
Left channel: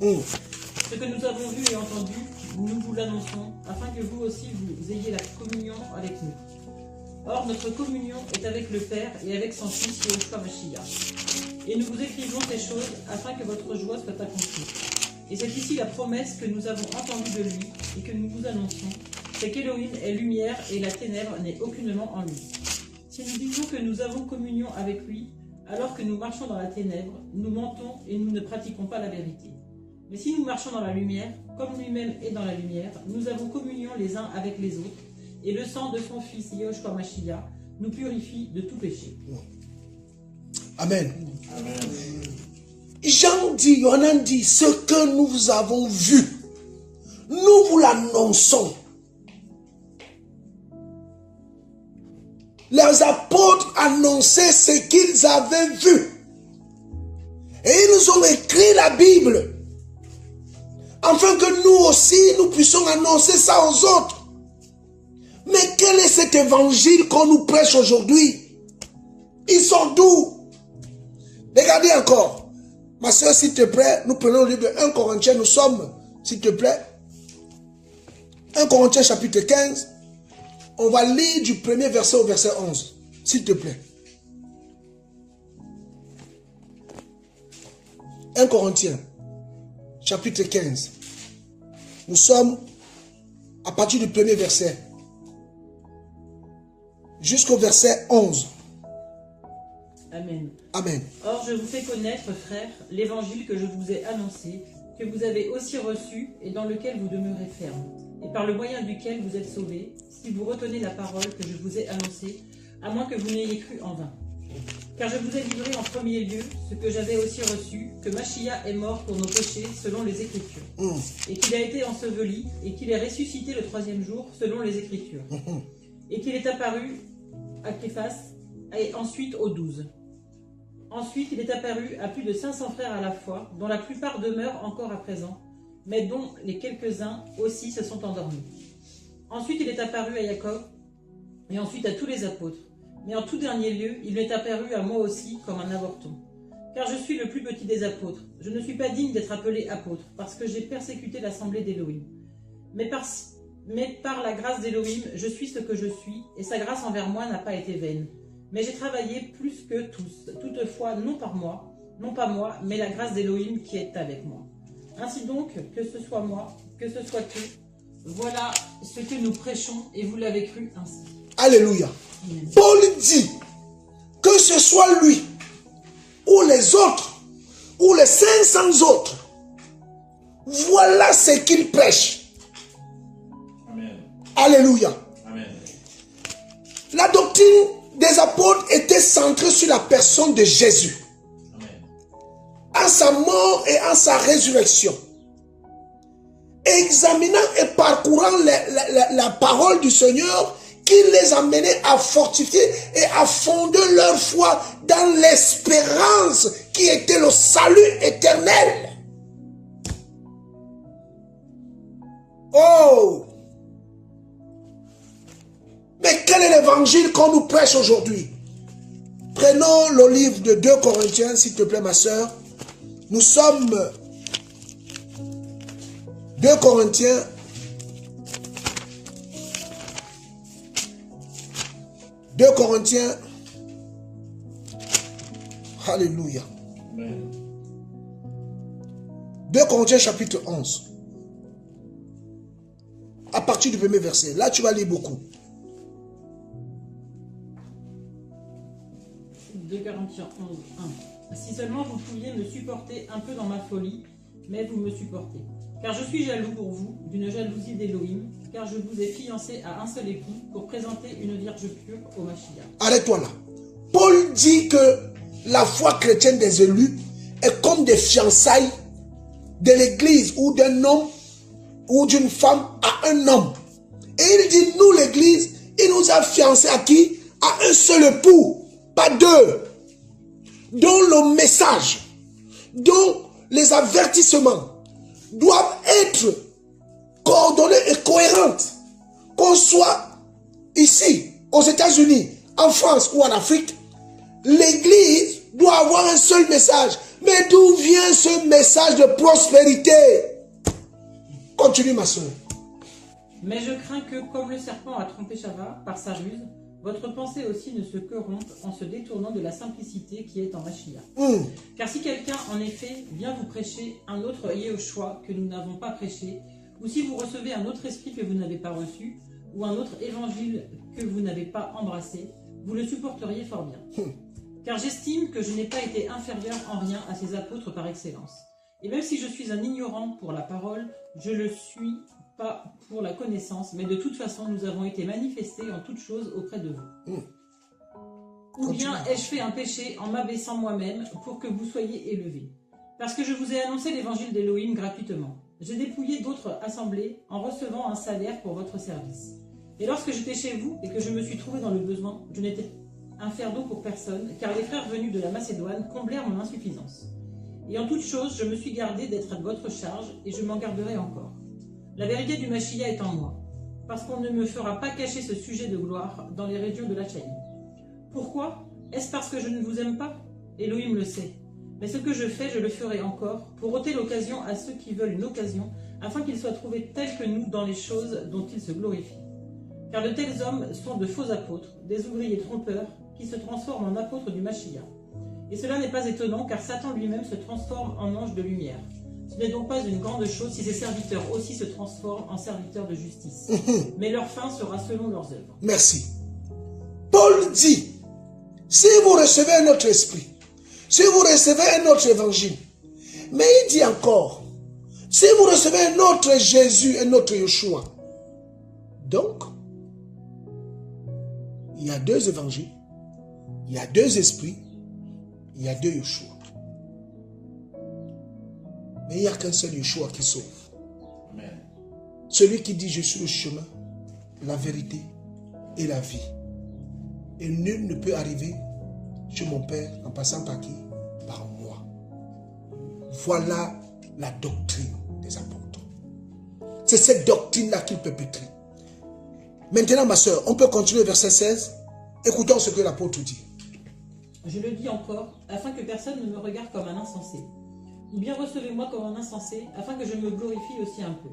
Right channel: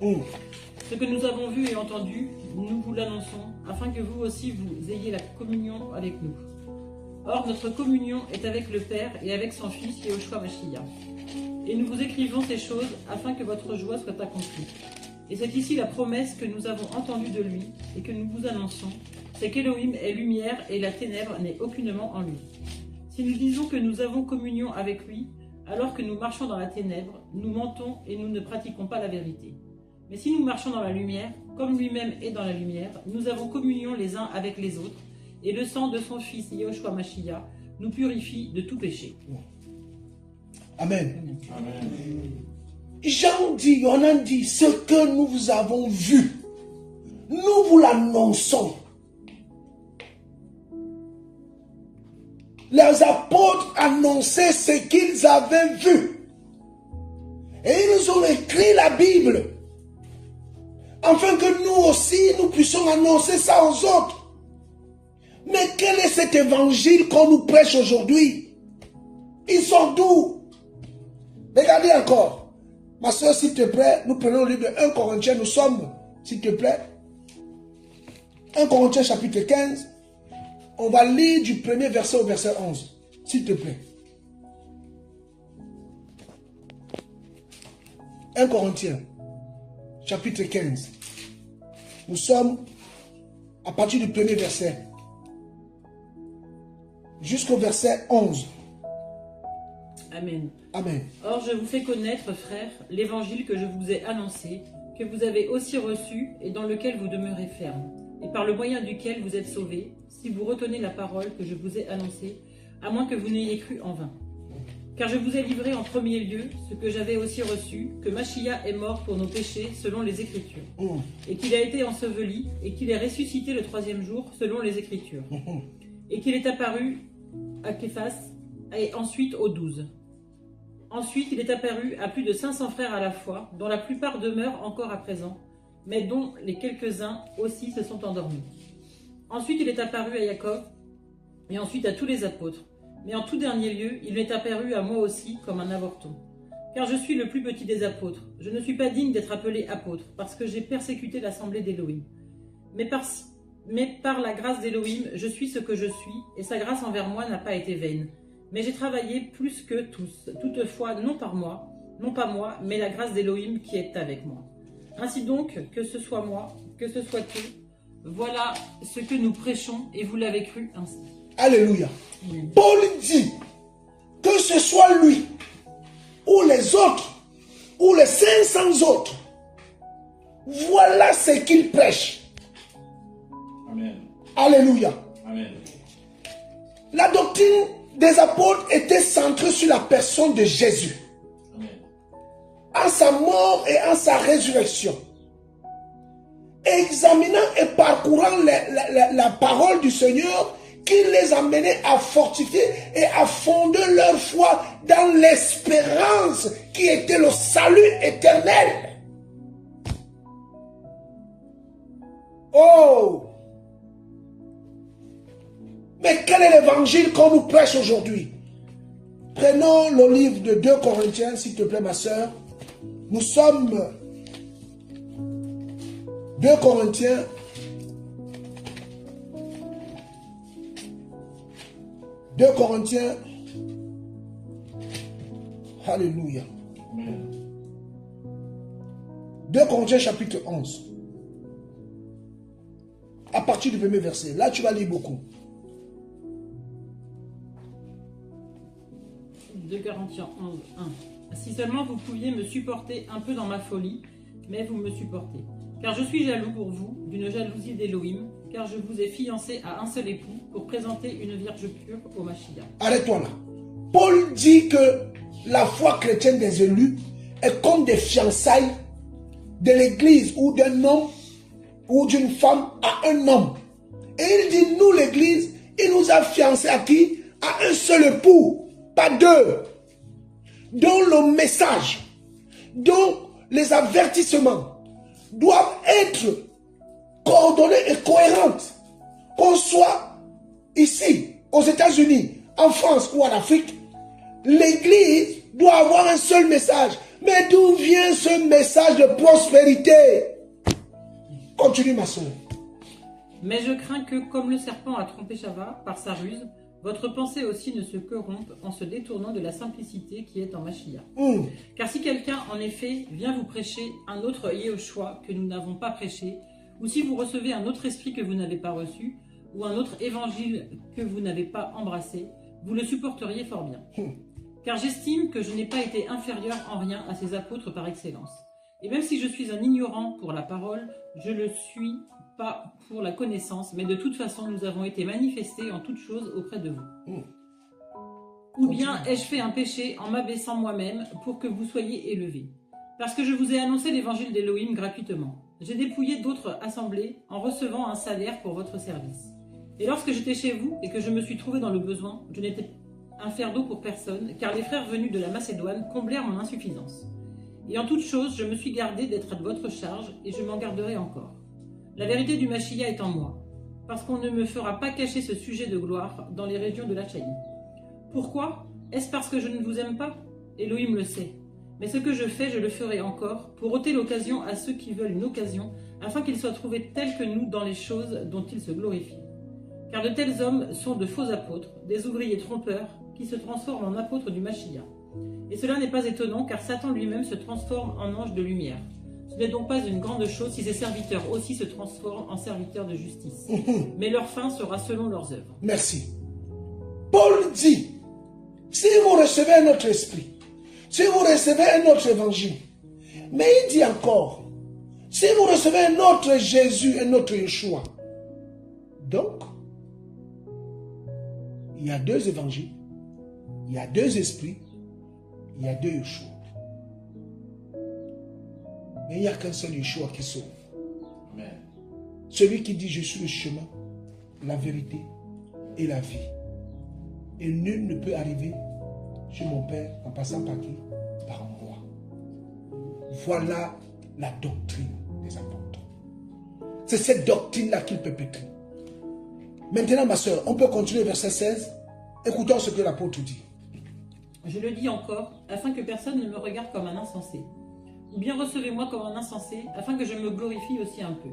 Ce que nous avons vu et entendu, nous vous l'annonçons, afin que vous aussi vous ayez la communion avec nous. Or, notre communion est avec le Père et avec son Fils Yehoshua Mashiach. Et nous vous écrivons ces choses afin que votre joie soit accomplie. Et c'est ici la promesse que nous avons entendue de lui et que nous vous annonçons, c'est qu'Élohim est lumière et la ténèbre n'est aucunement en lui. Si nous disons que nous avons communion avec lui, alors que nous marchons dans la ténèbre, nous mentons et nous ne pratiquons pas la vérité. Mais si nous marchons dans la lumière, comme lui-même est dans la lumière, nous avons communion les uns avec les autres, et le sang de son Fils Yehoshua Mashiach nous purifie de tout péché. Amen. Amen. Jean dit, Yohanan dit, ce que nous avons vu, nous vous l'annonçons. Les apôtres annonçaient ce qu'ils avaient vu. Et ils nous ont écrit la Bible. Afin que nous aussi, nous puissions annoncer ça aux autres. Mais quel est cet évangile qu'on nous prêche aujourd'hui? Ils sont d'où? Regardez encore. Ma soeur, s'il te plaît, nous prenons le livre de 1 Corinthiens. Nous sommes, s'il te plaît, 1 Corinthiens chapitre 15. On va lire du premier verset au verset 11. S'il te plaît. 1 Corinthiens chapitre 15. Nous sommes à partir du premier verset jusqu'au verset 11. Amen. Amen. Or, je vous fais connaître, frères, l'évangile que je vous ai annoncé, que vous avez aussi reçu et dans lequel vous demeurez ferme, et par le moyen duquel vous êtes sauvés, si vous retenez la parole que je vous ai annoncée, à moins que vous n'ayez cru en vain. Car je vous ai livré en premier lieu ce que j'avais aussi reçu, que Mashiach est mort pour nos péchés selon les Écritures, et qu'il a été enseveli, et qu'il est ressuscité le troisième jour selon les Écritures, et qu'il est apparu à Képhas, et ensuite aux 12. Ensuite, il est apparu à plus de 500 frères à la fois, dont la plupart demeurent encore à présent, mais dont les quelques-uns aussi se sont endormis. Ensuite, il est apparu à Jacob, et ensuite à tous les apôtres. Mais en tout dernier lieu, il m'est apparu à moi aussi comme un avorton. Car je suis le plus petit des apôtres. Je ne suis pas digne d'être appelé apôtre, parce que j'ai persécuté l'assemblée d'Élohim. Mais par la grâce d'Élohim, je suis ce que je suis, et sa grâce envers moi n'a pas été vaine. Mais j'ai travaillé plus que tous, toutefois non pas moi, mais la grâce d'Élohim qui est avec moi. Ainsi donc, que ce soit moi, que ce soit eux, voilà ce que nous prêchons, et vous l'avez cru ainsi. Alléluia. Amen. Paul dit, que ce soit lui, ou les autres, ou les 500 autres, voilà ce qu'il prêche. Amen. Alléluia. Amen. La doctrine des apôtres était centré sur la personne de Jésus. Amen. En sa mort et en sa résurrection. Examinant et parcourant la parole du Seigneur qui les amenait à fortifier et à fonder leur foi dans l'espérance qui était le salut éternel. Oh! Mais quel est l'évangile qu'on nous prêche aujourd'hui? Prenons le livre de 2 Corinthiens, s'il te plaît, ma soeur. Nous sommes 2 Corinthiens. Alléluia. Amen. 2 Corinthiens chapitre 11. À partir du premier verset. Là, tu vas lire beaucoup. 2 Corinthiens 11, 1. Si seulement vous pouviez me supporter un peu dans ma folie, mais vous me supportez. Car je suis jaloux pour vous, d'une jalousie d'Élohim, car je vous ai fiancé à un seul époux pour présenter une vierge pure au Mashiach. Arrête-toi là. Paul dit que la foi chrétienne des élus est comme des fiançailles de l'église ou d'un homme ou d'une femme à un homme. Et il dit, nous l'église, il nous a fiancés à qui? À un seul époux, pas deux. Dont le message, dont les avertissements doivent être coordonnés et cohérentes. Qu'on soit ici, aux États-Unis, en France ou en Afrique, l'église doit avoir un seul message. Mais d'où vient ce message de prospérité? Continue, ma soeur. Mais je crains que, comme le serpent a trompé Chava par sa ruse, votre pensée aussi ne se corrompe en se détournant de la simplicité qui est en Mashiach. Car si quelqu'un, en effet, vient vous prêcher un autre Yehoshua que nous n'avons pas prêché, ou si vous recevez un autre esprit que vous n'avez pas reçu, ou un autre évangile que vous n'avez pas embrassé, vous le supporteriez fort bien. Car j'estime que je n'ai pas été inférieur en rien à ces apôtres par excellence. Et même si je suis un ignorant pour la parole, je le suis pas pour la connaissance, mais de toute façon, nous avons été manifestés en toutes choses auprès de vous. Ou bien ai-je fait un péché en m'abaissant moi-même pour que vous soyez élevés? Parce que je vous ai annoncé l'évangile d'Élohim gratuitement. J'ai dépouillé d'autres assemblées en recevant un salaire pour votre service. Et lorsque j'étais chez vous et que je me suis trouvé dans le besoin, je n'étais un fardeau pour personne, car les frères venus de la Macédoine comblèrent mon insuffisance. Et en toute chose, je me suis gardé d'être à votre charge, et je m'en garderai encore. La vérité du Mashiach est en moi, parce qu'on ne me fera pas cacher ce sujet de gloire dans les régions de la Chaïne. Pourquoi? Est-ce parce que je ne vous aime pas? Elohim le sait. Mais ce que je fais, je le ferai encore, pour ôter l'occasion à ceux qui veulent une occasion, afin qu'ils soient trouvés tels que nous dans les choses dont ils se glorifient. Car de tels hommes sont de faux apôtres, des ouvriers trompeurs, qui se transforment en apôtres du Mashiach. Et cela n'est pas étonnant, car Satan lui-même se transforme en ange de lumière. Ce n'est donc pas une grande chose si ses serviteurs aussi se transforment en serviteurs de justice. Mais leur fin sera selon leurs œuvres. Merci. Paul dit, si vous recevez un autre esprit, si vous recevez un autre évangile, mais il dit encore, si vous recevez un autre Jésus, un autre Yeshua, donc, il y a deux évangiles, il y a deux esprits, il y a deux Yeshua. Mais il n'y a qu'un seul Yeshua qui sauve. Amen. Celui qui dit je suis le chemin, la vérité et la vie. Et nul ne peut arriver chez mon Père en passant par qui? Par moi. Voilà la doctrine des apôtres. C'est cette doctrine-là qu'il perpétue. Maintenant, ma soeur, on peut continuer verset 16. Écoutons ce que l'apôtre dit. Je le dis encore, afin que personne ne me regarde comme un insensé. Ou bien recevez-moi comme un insensé, afin que je me glorifie aussi un peu.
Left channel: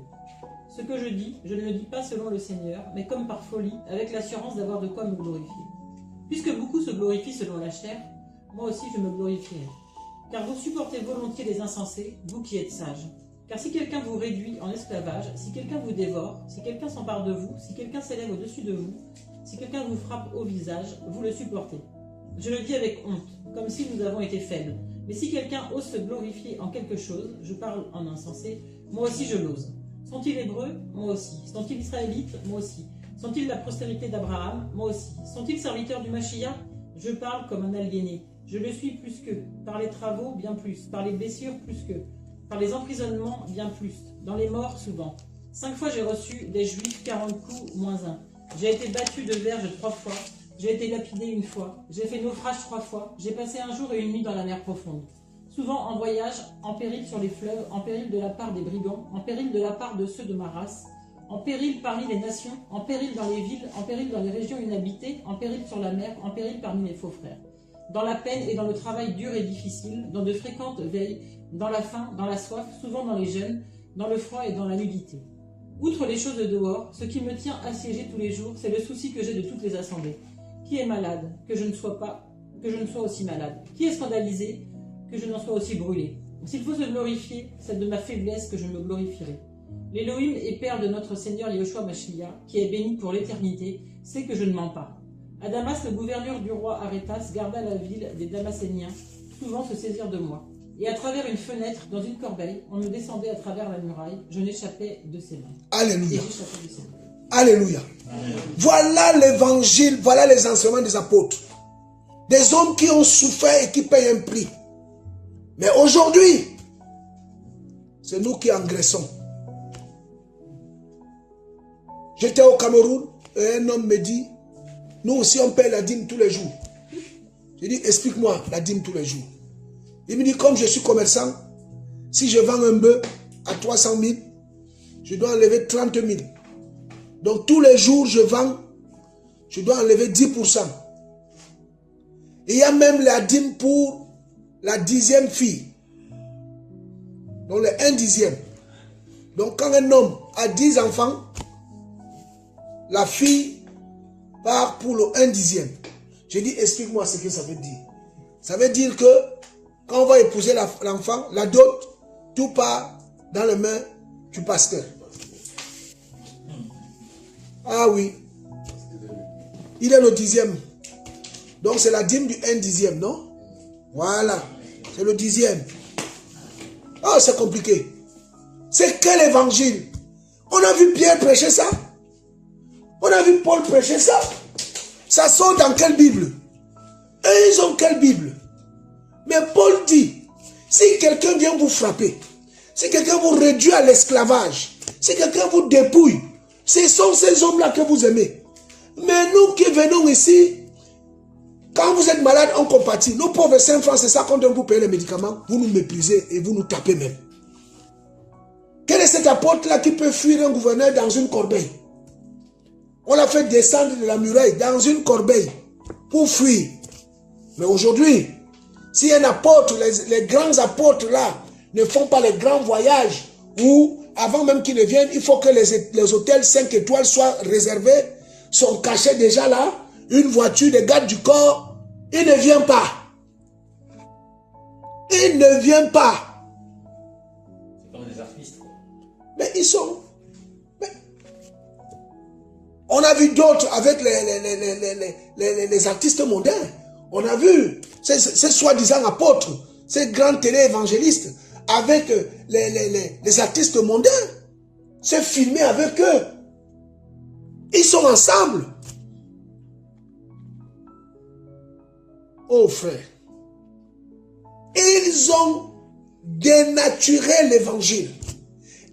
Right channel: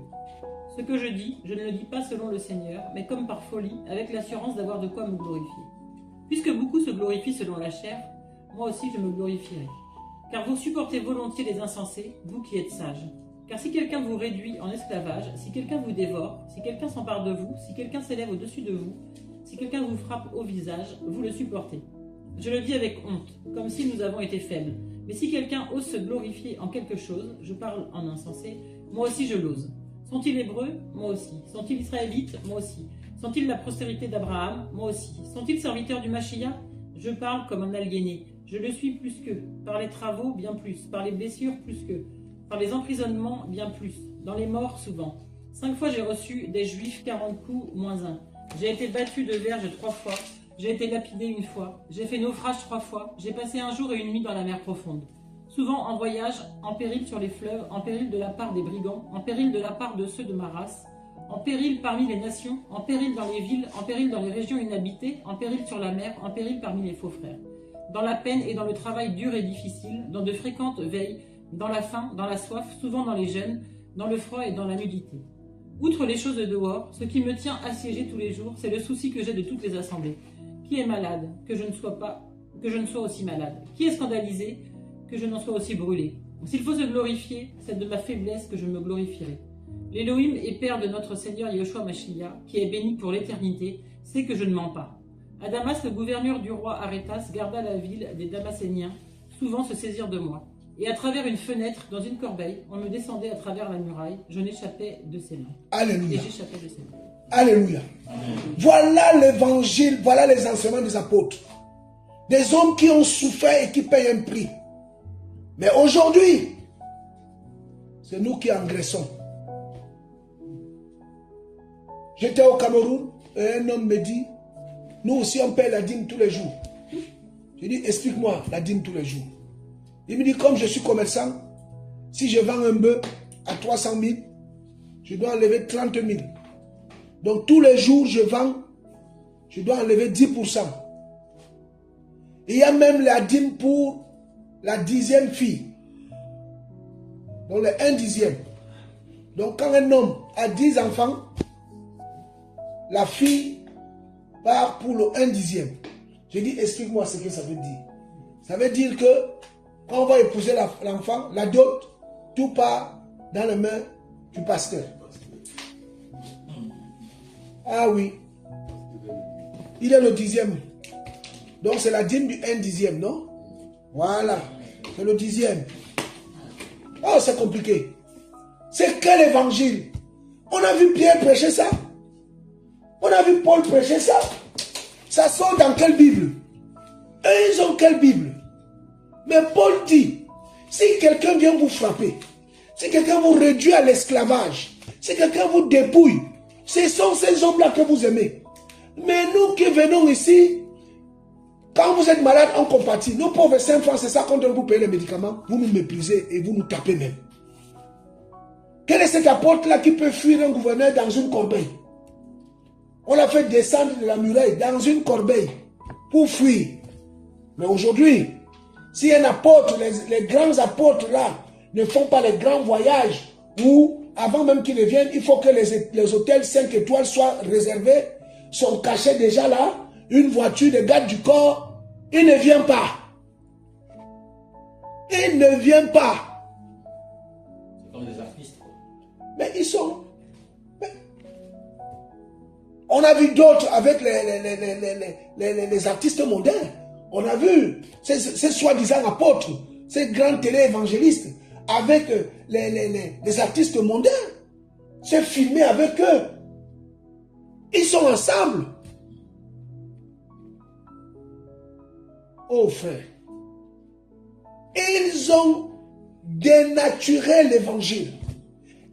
Ce que je dis, je ne le dis pas selon le Seigneur, mais comme par folie, avec l'assurance d'avoir de quoi me glorifier. Puisque beaucoup se glorifient selon la chair, moi aussi je me glorifierai. Car vous supportez volontiers les insensés, vous qui êtes sages. Car si quelqu'un vous réduit en esclavage, si quelqu'un vous dévore, si quelqu'un s'empare de vous, si quelqu'un s'élève au-dessus de vous, si quelqu'un vous frappe au visage, vous le supportez. Je le dis avec honte, comme si nous avons été faibles. Mais si quelqu'un ose se glorifier en quelque chose, je parle en insensé, moi aussi je l'ose. Sont-ils hébreux? Moi aussi. Sont-ils israélites? Moi aussi. Sont-ils la postérité d'Abraham? Moi aussi. Sont-ils serviteurs du Mashiach? Je parle comme un aliéné. Je le suis plus qu'eux. Par les travaux, bien plus. Par les blessures, plus qu'eux. Par les emprisonnements, bien plus. Dans les morts, souvent. 5 fois j'ai reçu des Juifs 40 coups, moins 1. J'ai été battu de verge 3 fois. J'ai été lapidé 1 fois. J'ai fait naufrage 3 fois. J'ai passé 1 jour et 1 nuit dans la mer profonde. Souvent en voyage, en péril sur les fleuves, en péril de la part des brigands, en péril de la part de ceux de ma race, en péril parmi les nations, en péril dans les villes, en péril dans les régions inhabitées, en péril sur la mer, en péril parmi les faux frères. Dans la peine et dans le travail dur et difficile, dans de fréquentes veilles, dans la faim, dans la soif, souvent dans les jeûnes, dans le froid et dans la nudité. Outre les choses de dehors, ce qui me tient assiégé tous les jours, c'est le souci que j'ai de toutes les assemblées. Qui est malade, que je ne sois aussi malade? Qui est scandalisé, que je n'en sois aussi brûlé? S'il faut se glorifier, c'est de ma faiblesse que je me glorifierai. L'Élohim et Père de notre Seigneur Yeshua Mashiach, qui est béni pour l'éternité, sait que je ne mens pas. À Damas, le gouverneur du roi Arétas garda la ville des Damaséniens, souvent se saisir de moi. Et à travers une fenêtre, dans une corbeille, on me descendait à travers la muraille, je n'échappais de ses mains. Alléluia. Et j'échappais de ses mains. Alléluia. Voilà l'évangile, voilà les enseignements des apôtres. Des hommes qui ont souffert et qui payent un prix. Mais aujourd'hui, c'est nous qui engraissons. J'étais au Cameroun et un homme me dit, nous aussi on paye la dîme tous les jours. J'ai dit, explique-moi la dîme tous les jours. Il me dit, comme je suis commerçant, si je vends un bœuf à 300 000, je dois enlever 30 000. Donc tous les jours je vends, je dois enlever 10%. Il y a même la dîme pour la 10e fille. Donc le 1/10. Donc quand un homme a 10 enfants, la fille part pour le 1/10. J'ai dit, explique-moi ce que ça veut dire. Ça veut dire que quand on va épouser l'enfant, la dot, tout part dans les mains du pasteur. Ah oui. Il est le 10e. Donc c'est la dîme du 1/10, non? Voilà. C'est le 10e. Oh, c'est compliqué. C'est quel évangile? On a vu Pierre prêcher ça. On a vu Paul prêcher ça. Ça sort dans quelle Bible? Et ils ont quelle Bible? Mais Paul dit, si quelqu'un vient vous frapper, si quelqu'un vous réduit à l'esclavage, si quelqu'un vous dépouille, ce sont ces hommes-là que vous aimez. Mais nous qui venons ici, quand vous êtes malade, on compatit. Nos pauvres 5 francs, c'est ça, quand on vous paye les médicaments, vous nous méprisez et vous nous tapez même. Quel est cet apôtre-là qui peut fuir un gouverneur dans une corbeille? On l'a fait descendre de la muraille dans une corbeille pour fuir. Mais aujourd'hui, si un apôtre, les grands apôtres là, ne font pas les grands voyages, ou avant même qu'ils ne viennent, il faut que les hôtels 5 étoiles soient réservés, sont cachés déjà là, une voiture de garde du corps, il ne vient pas. Il ne vient pas. C'est comme des artistes. Mais ils sont... On a vu d'autres avec les artistes mondains. On a vu ces soi-disant apôtres, ces grands télé-évangélistes avec les artistes mondains. C'est filmé avec eux. Ils sont ensemble. Oh frère. Ils ont dénaturé l'évangile.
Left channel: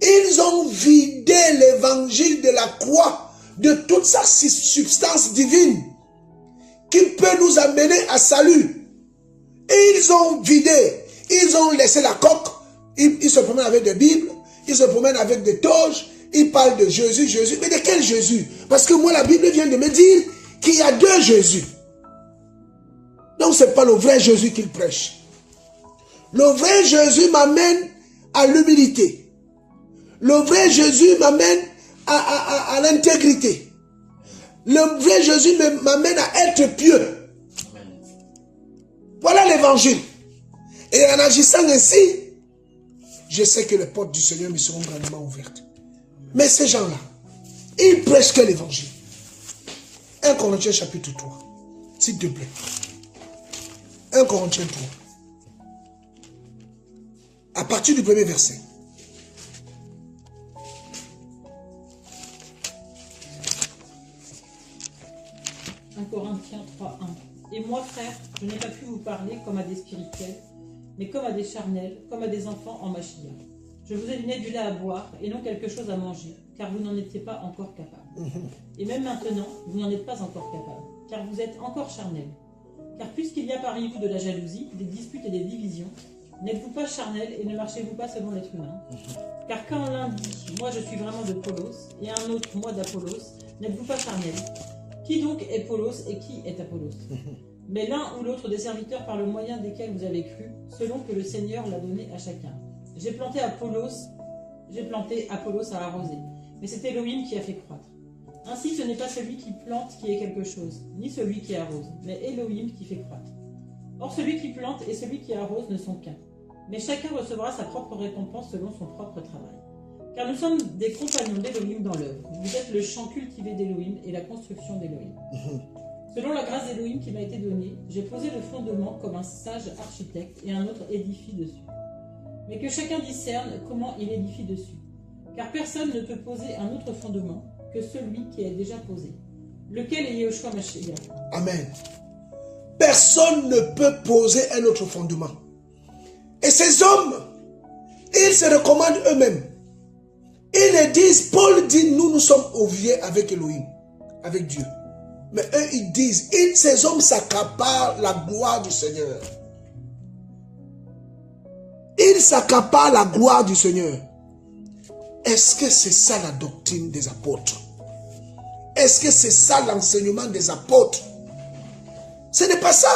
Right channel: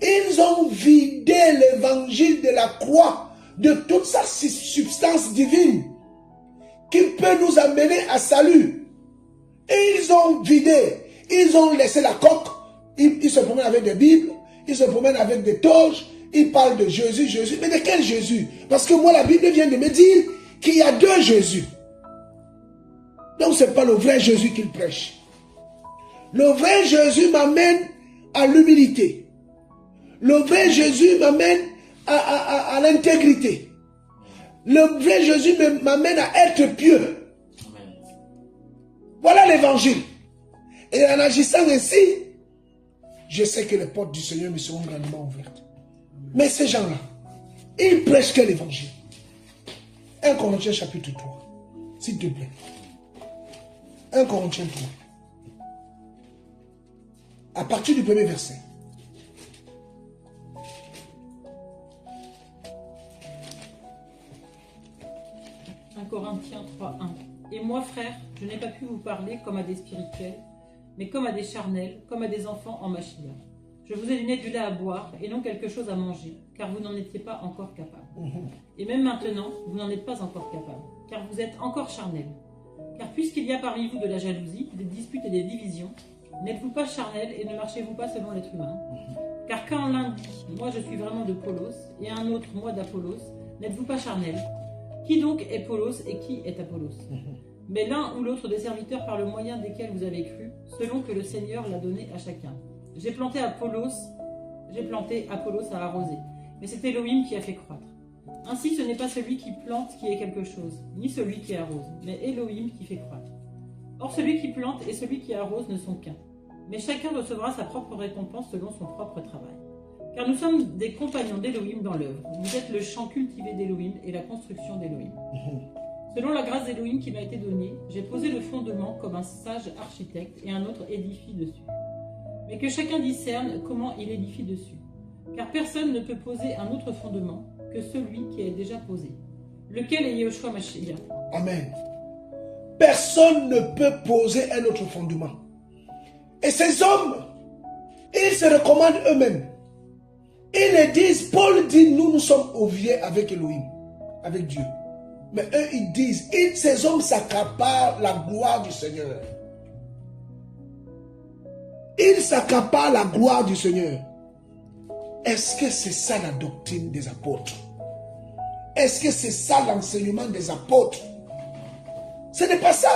Ils ont vidé l'évangile de la croix de toute sa substance divine qui peut nous amener à salut. Et ils ont vidé, ils ont laissé la coque, ils se promènent avec des Bibles, ils se promènent avec des toges, ils parlent de Jésus, Jésus. Mais de quel Jésus? Parce que moi la Bible vient de me dire qu'il y a 2 Jésus. Donc ce n'est pas le vrai Jésus qu'il prêche. Le vrai Jésus m'amène à l'humilité. Le vrai Jésus m'amène à l'intégrité. Le vrai Jésus m'amène à être pieux. Voilà l'évangile. Et en agissant ainsi, je sais que les portes du Seigneur me seront grandement ouvertes. Mais ces gens-là, ils prêchent que l'évangile. 1 Corinthiens chapitre 3. S'il te plaît. 1 Corinthiens 3. À partir du premier verset. « 1 1 Corinthiens 3:1. Et moi, frère, je n'ai pas pu vous parler comme à des spirituels, mais comme à des charnels, comme à des enfants en Mashiach. Je vous ai donné du lait à boire et non quelque chose à manger, car vous n'en étiez pas encore capable. Et même maintenant, vous n'en êtes pas encore capable, car vous êtes encore charnels. Car puisqu'il y a parmi vous de la jalousie, des disputes et des divisions, n'êtes-vous pas charnels et ne marchez-vous pas selon l'être humain? Car quand l'un dit « Moi je suis vraiment de Paulos » et un autre « Moi d'Apollos », n'êtes-vous pas charnels? Qui donc est Paulos et qui est Apollos? Mais l'un ou l'autre des serviteurs par le moyen desquels vous avez cru, selon que le Seigneur l'a donné à chacun. J'ai planté Apollos à arroser, mais c'est Elohim qui a fait croître. Ainsi ce n'est pas celui qui plante qui est quelque chose, ni celui qui arrose, mais Elohim qui fait croître. Or celui qui plante et celui qui arrose ne sont qu'un, mais chacun recevra sa propre récompense selon son propre travail. Car nous sommes des compagnons d'Elohim dans l'œuvre. Vous êtes le champ cultivé d'Elohim et la construction d'Elohim. Selon la grâce d'Elohim qui m'a été donnée, j'ai posé le fondement comme un sage architecte et un autre édifie dessus. Mais que chacun discerne comment il édifie dessus. Car personne ne peut poser un autre fondement que celui qui est déjà posé, lequel est Yehoshua Mashiach. Amen. Personne ne peut poser un autre fondement. Et ces hommes, ils se recommandent eux-mêmes. Ils le disent, Paul dit, nous sommes oubliés avec Elohim, avec Dieu. Mais eux, ils disent, ces hommes s'accaparent la gloire du Seigneur. Ils s'accaparent la gloire du Seigneur. Est-ce que c'est ça la doctrine des apôtres? Est-ce que c'est ça l'enseignement des apôtres? Ce n'est pas ça.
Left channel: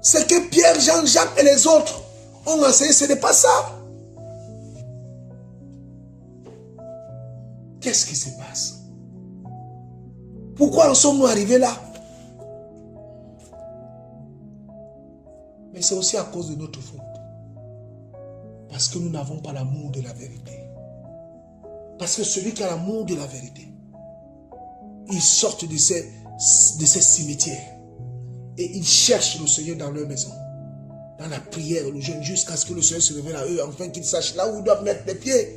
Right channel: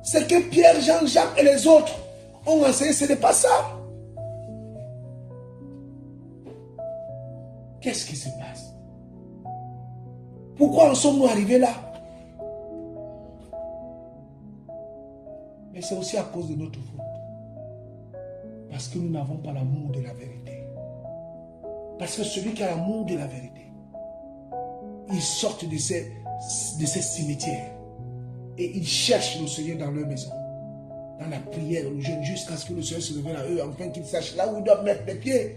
Ce que Pierre, Jean, Jacques et les autres ont enseigné, ce n'est pas ça. Qu'est-ce qui se passe? Pourquoi en sommes-nous arrivés là? Mais c'est aussi à cause de notre faute. Parce que nous n'avons pas l'amour de la vérité. Parce que celui qui a l'amour de la vérité, il sort de ces cimetières et il cherche le Seigneur dans leur maison, dans la prière, le jeûne, jusqu'à ce que le Seigneur se révèle à eux, afin qu'ils sachent là où ils doivent mettre les pieds.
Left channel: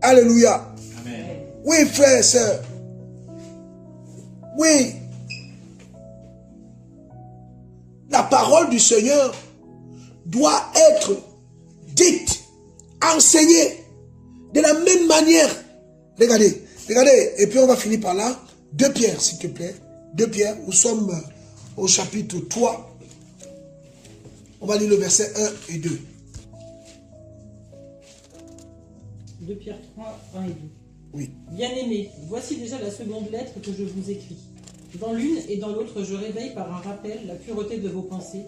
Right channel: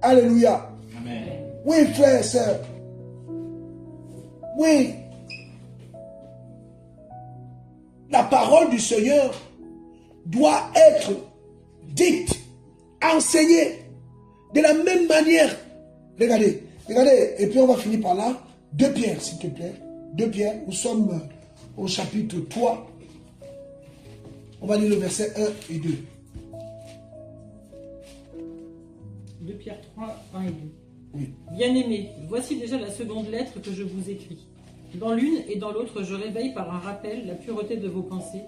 Alléluia. Amen. Oui, frères et sœurs. Oui. La parole du Seigneur doit être dite, enseignée de la même manière. Regardez, regardez, et puis on va finir par là. 2 Pierre, s'il te plaît. 2 Pierre, nous sommes au chapitre 3. On va lire le verset 1 et 2. 2 Pierre 3, 1 et 2. Oui. Bien-aimés, voici déjà la seconde lettre que je vous écris. Dans l'une et dans l'autre, je réveille par un rappel la pureté de vos pensées,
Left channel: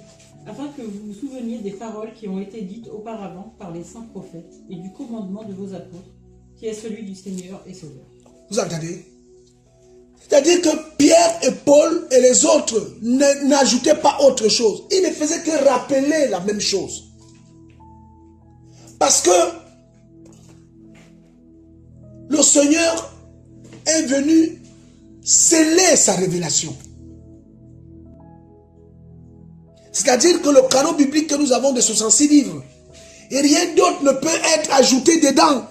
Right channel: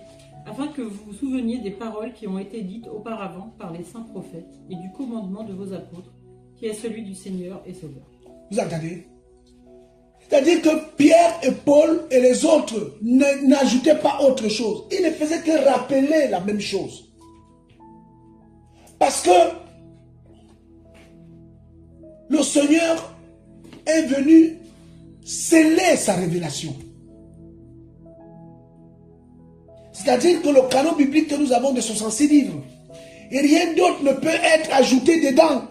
afin que vous vous souveniez des paroles qui ont été dites auparavant par les saints prophètes et du commandement de vos apôtres, qui est celui du Seigneur et Sauveur. Vous entendez? C'est-à-dire que Pierre et Paul et les autres n'ajoutaient pas autre chose. Ils ne faisaient que rappeler la même chose. Parce que le Seigneur est venu sceller sa révélation. C'est-à-dire que le canon biblique que nous avons de 66 livres, et rien d'autre ne peut être ajouté dedans.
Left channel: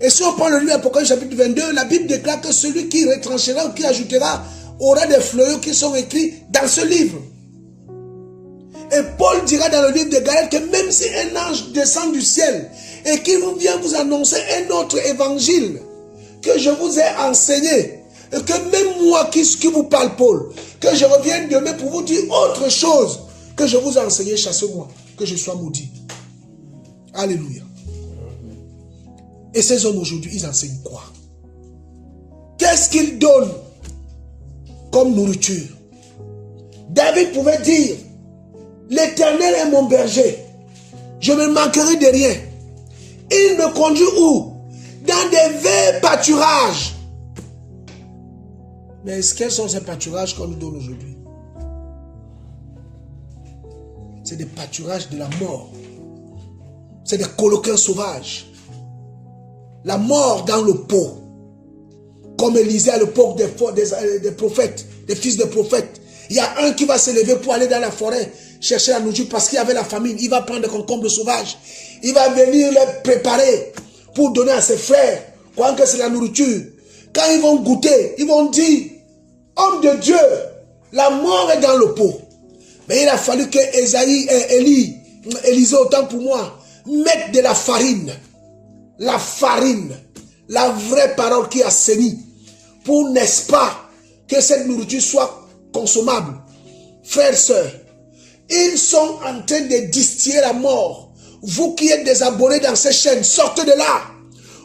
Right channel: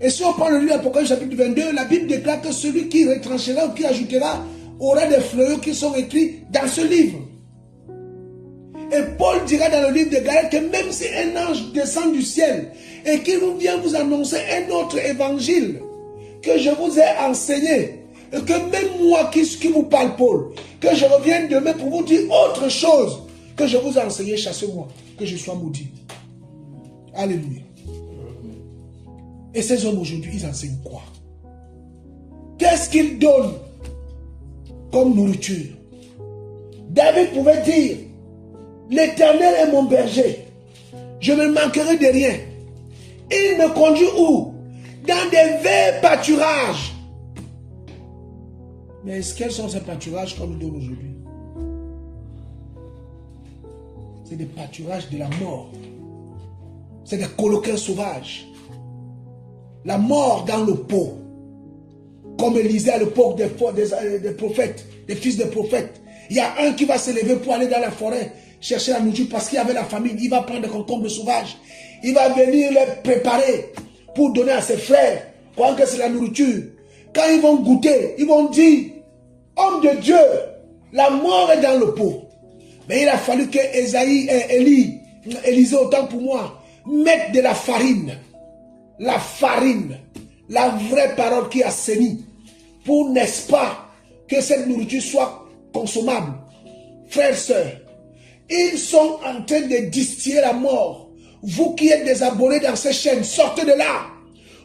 Et si on prend le livre d'Apocalypse chapitre 22, la Bible déclare que celui qui retranchera ou qui ajoutera aura des fléaux qui sont écrits dans ce livre. Et Paul dira dans le livre de Galates que même si un ange descend du ciel et qu'il vient vous annoncer un autre évangile que je vous ai enseigné, et que même moi qui vous parle, Paul, que je revienne demain pour vous dire autre chose que je vous ai enseigné, chassez-moi, que je sois maudit. Alléluia. Et ces hommes aujourd'hui, ils enseignent quoi? Qu'est-ce qu'ils donnent comme nourriture? David pouvait dire, l'Éternel est mon berger, je ne manquerai de rien. Il me conduit où? Dans des verts pâturages. Mais quels sont ces pâturages qu'on nous donne aujourd'hui? C'est des pâturages de la mort. C'est des coloquins sauvages. La mort dans le pot. Comme Élisée à l'époque des prophètes, des fils de prophètes. Il y a un qui va se lever pour aller dans la forêt, chercher la nourriture parce qu'il y avait la famine. Il va prendre des concombres sauvages. Il va venir les préparer pour donner à ses frères croyant que c'est la nourriture. Quand ils vont goûter, ils vont dire, homme de Dieu, la mort est dans le pot. Mais il a fallu que Élisée, autant pour moi, mette de la farine. La farine, la vraie parole qui assainit. Pour, n'est-ce pas, que cette nourriture soit consommable. Frères, sœurs, ils sont en train de distiller la mort. Vous qui êtes des abonnés dans ces chaînes, sortez de là.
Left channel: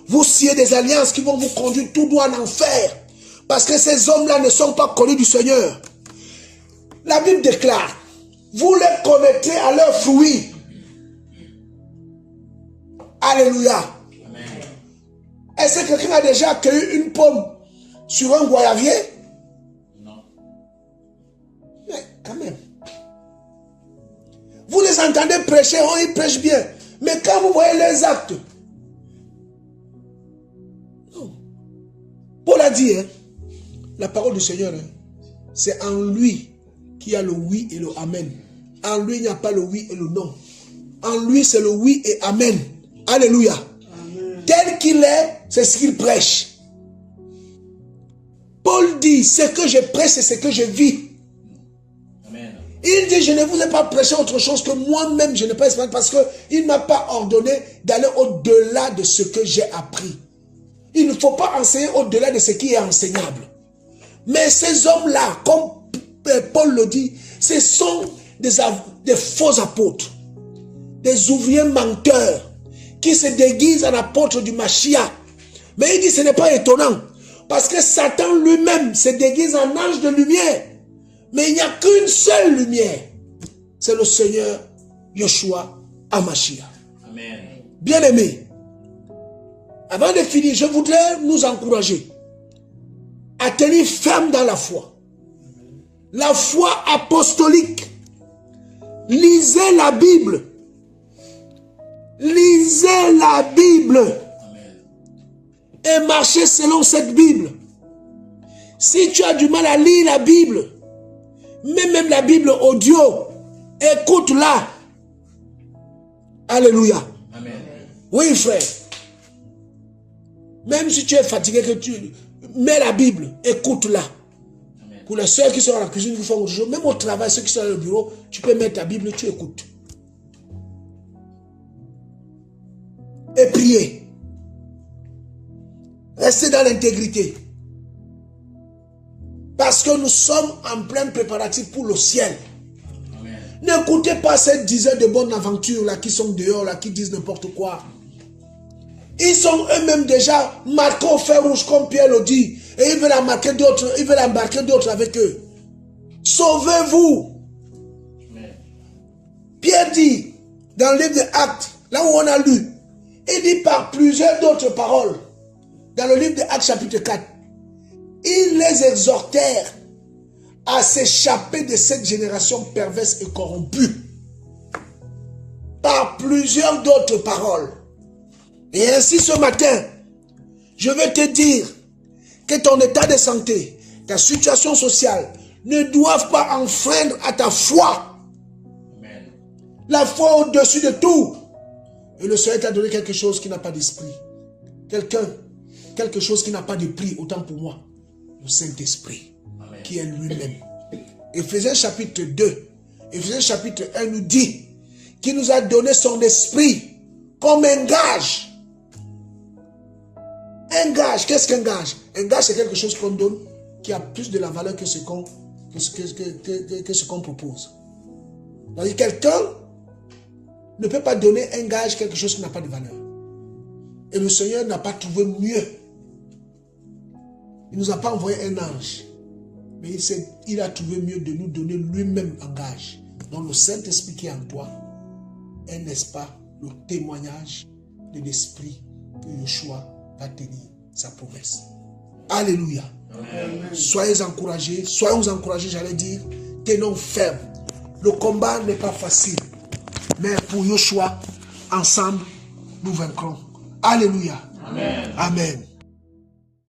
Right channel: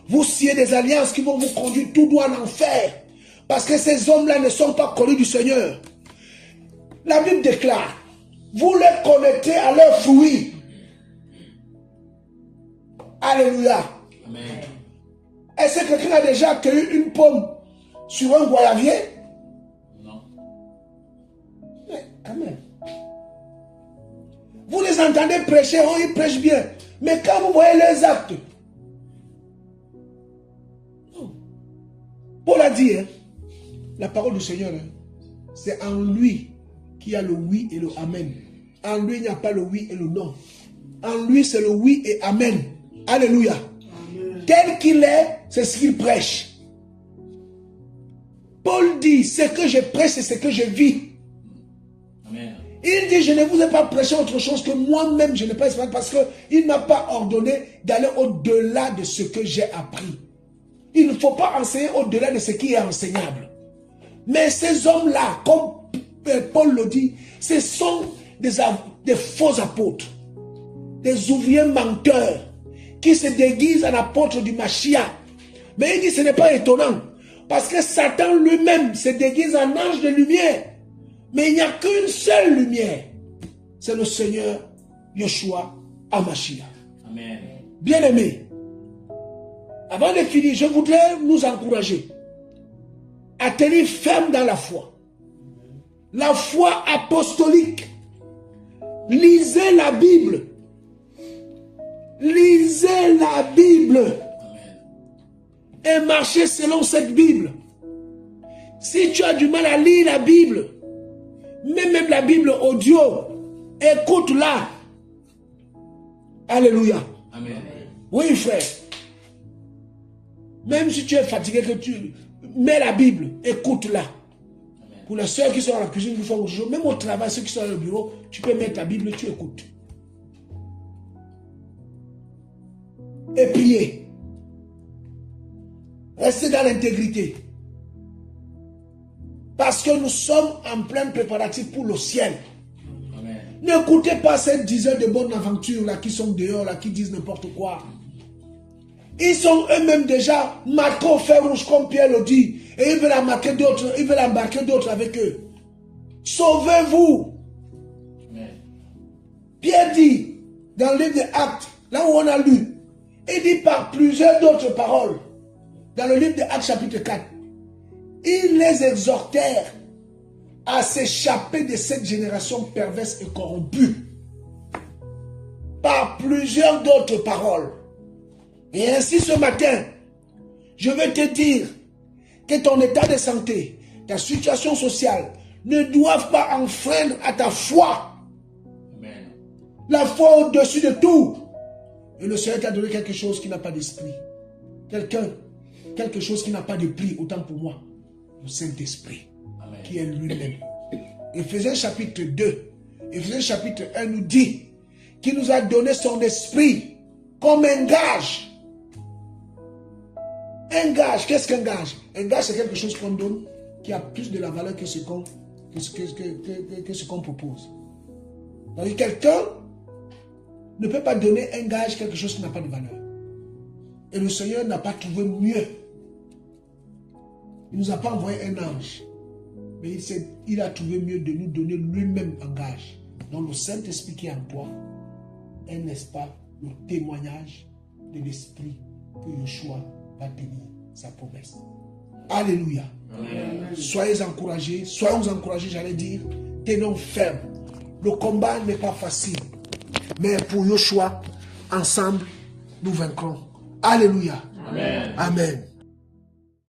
Vous sciez des alliances qui vont vous conduire tout droit en enfer. Parce que ces hommes-là ne sont pas connus du Seigneur. La Bible déclare, vous les connaîtrez à leurs fruits. Alléluia. Amen. Est-ce que quelqu'un a déjà cueilli une pomme sur un goyavier? Non. Mais quand même. Vous les entendez prêcher, oh, ils prêchent bien. Mais quand vous voyez les actes, non. Paul a dit, hein, la parole du Seigneur, hein, c'est en lui qu'il y a le oui et le amen. En lui, il n'y a pas le oui et le non. En lui, c'est le oui et amen. Alléluia. Amen. Tel qu'il est, c'est ce qu'il prêche. Paul dit, ce que je prêche, c'est ce que je vis. Amen. Il dit, je ne vous ai pas prêché autre chose que moi-même, je ne prêche pas parce qu'il n'a pas ordonné d'aller au-delà de ce que j'ai appris. Il ne faut pas enseigner au-delà de ce qui est enseignable. Mais ces hommes-là, comme Paul le dit, ce sont des faux apôtres, des ouvriers menteurs qui se déguisent en apôtres du Mashiach. Mais il dit, ce n'est pas étonnant, parce que Satan lui-même se déguise en ange de lumière. Mais il n'y a qu'une seule lumière. C'est le Seigneur Yeshua HaMashiach. Amen. Bien-aimés, avant de finir, je voudrais nous encourager à tenir ferme dans la foi. La foi apostolique. Lisez la Bible. Lisez la Bible. Amen. Et marchez selon cette Bible. Si tu as du mal à lire la Bible, même la Bible audio, écoute-la. Alléluia. Amen. Oui, frère. Même si tu es fatigué, que tu mets la Bible, écoute-la. Pour les soeurs qui sont dans la cuisine, qui font autre chose, même au travail, ceux qui sont dans le bureau, tu peux mettre ta Bible, tu écoutes. Et prier. Restez dans l'intégrité. Parce que nous sommes en plein préparatif pour le ciel. N'écoutez pas ces dizaines de bonnes aventures là qui sont dehors, là, qui disent n'importe quoi. Ils sont eux-mêmes déjà marqués au fer rouge, comme Pierre le dit. Et ils veulent embarquer d'autres, ils veulent embarquer d'autres avec eux. Sauvez-vous. Pierre dit, dans le livre des Actes, là où on a lu, il dit par plusieurs d'autres paroles, dans le livre des Actes chapitre 4, ils les exhortèrent à s'échapper de cette génération perverse et corrompue. Par plusieurs d'autres paroles. Et ainsi ce matin, je veux te dire que ton état de santé, ta situation sociale, ne doivent pas enfreindre à ta foi. Amen. La foi au-dessus de tout. Et le Seigneur t'a donné quelque chose qui n'a pas d'esprit. Quelque chose qui n'a pas de prix, autant pour moi. Le Saint-Esprit, qui est lui-même. Éphésiens chapitre 2, Éphésiens chapitre 1 nous dit qu'il nous a donné son esprit comme un gage. Un gage, qu'est-ce qu'un gage? Un gage, c'est quelque chose qu'on donne qui a plus de la valeur que ce qu'on propose. Donc, quelqu'un ne peut pas donner un gage, quelque chose qui n'a pas de valeur. Et le Seigneur n'a pas trouvé mieux. Il ne nous a pas envoyé un ange. Mais il a trouvé mieux de nous donner lui-même un gage. Donc le Saint-Esprit qui est en toi est, n'est-ce pas, le témoignage de l'Esprit que Yeshua va tenir sa promesse. Alléluia. Amen. Soyez encouragés, soyons encouragés, j'allais dire, tenons ferme. Le combat n'est pas facile. Mais pour Yeshua, ensemble, nous vaincrons. Alléluia. Amen. Amen.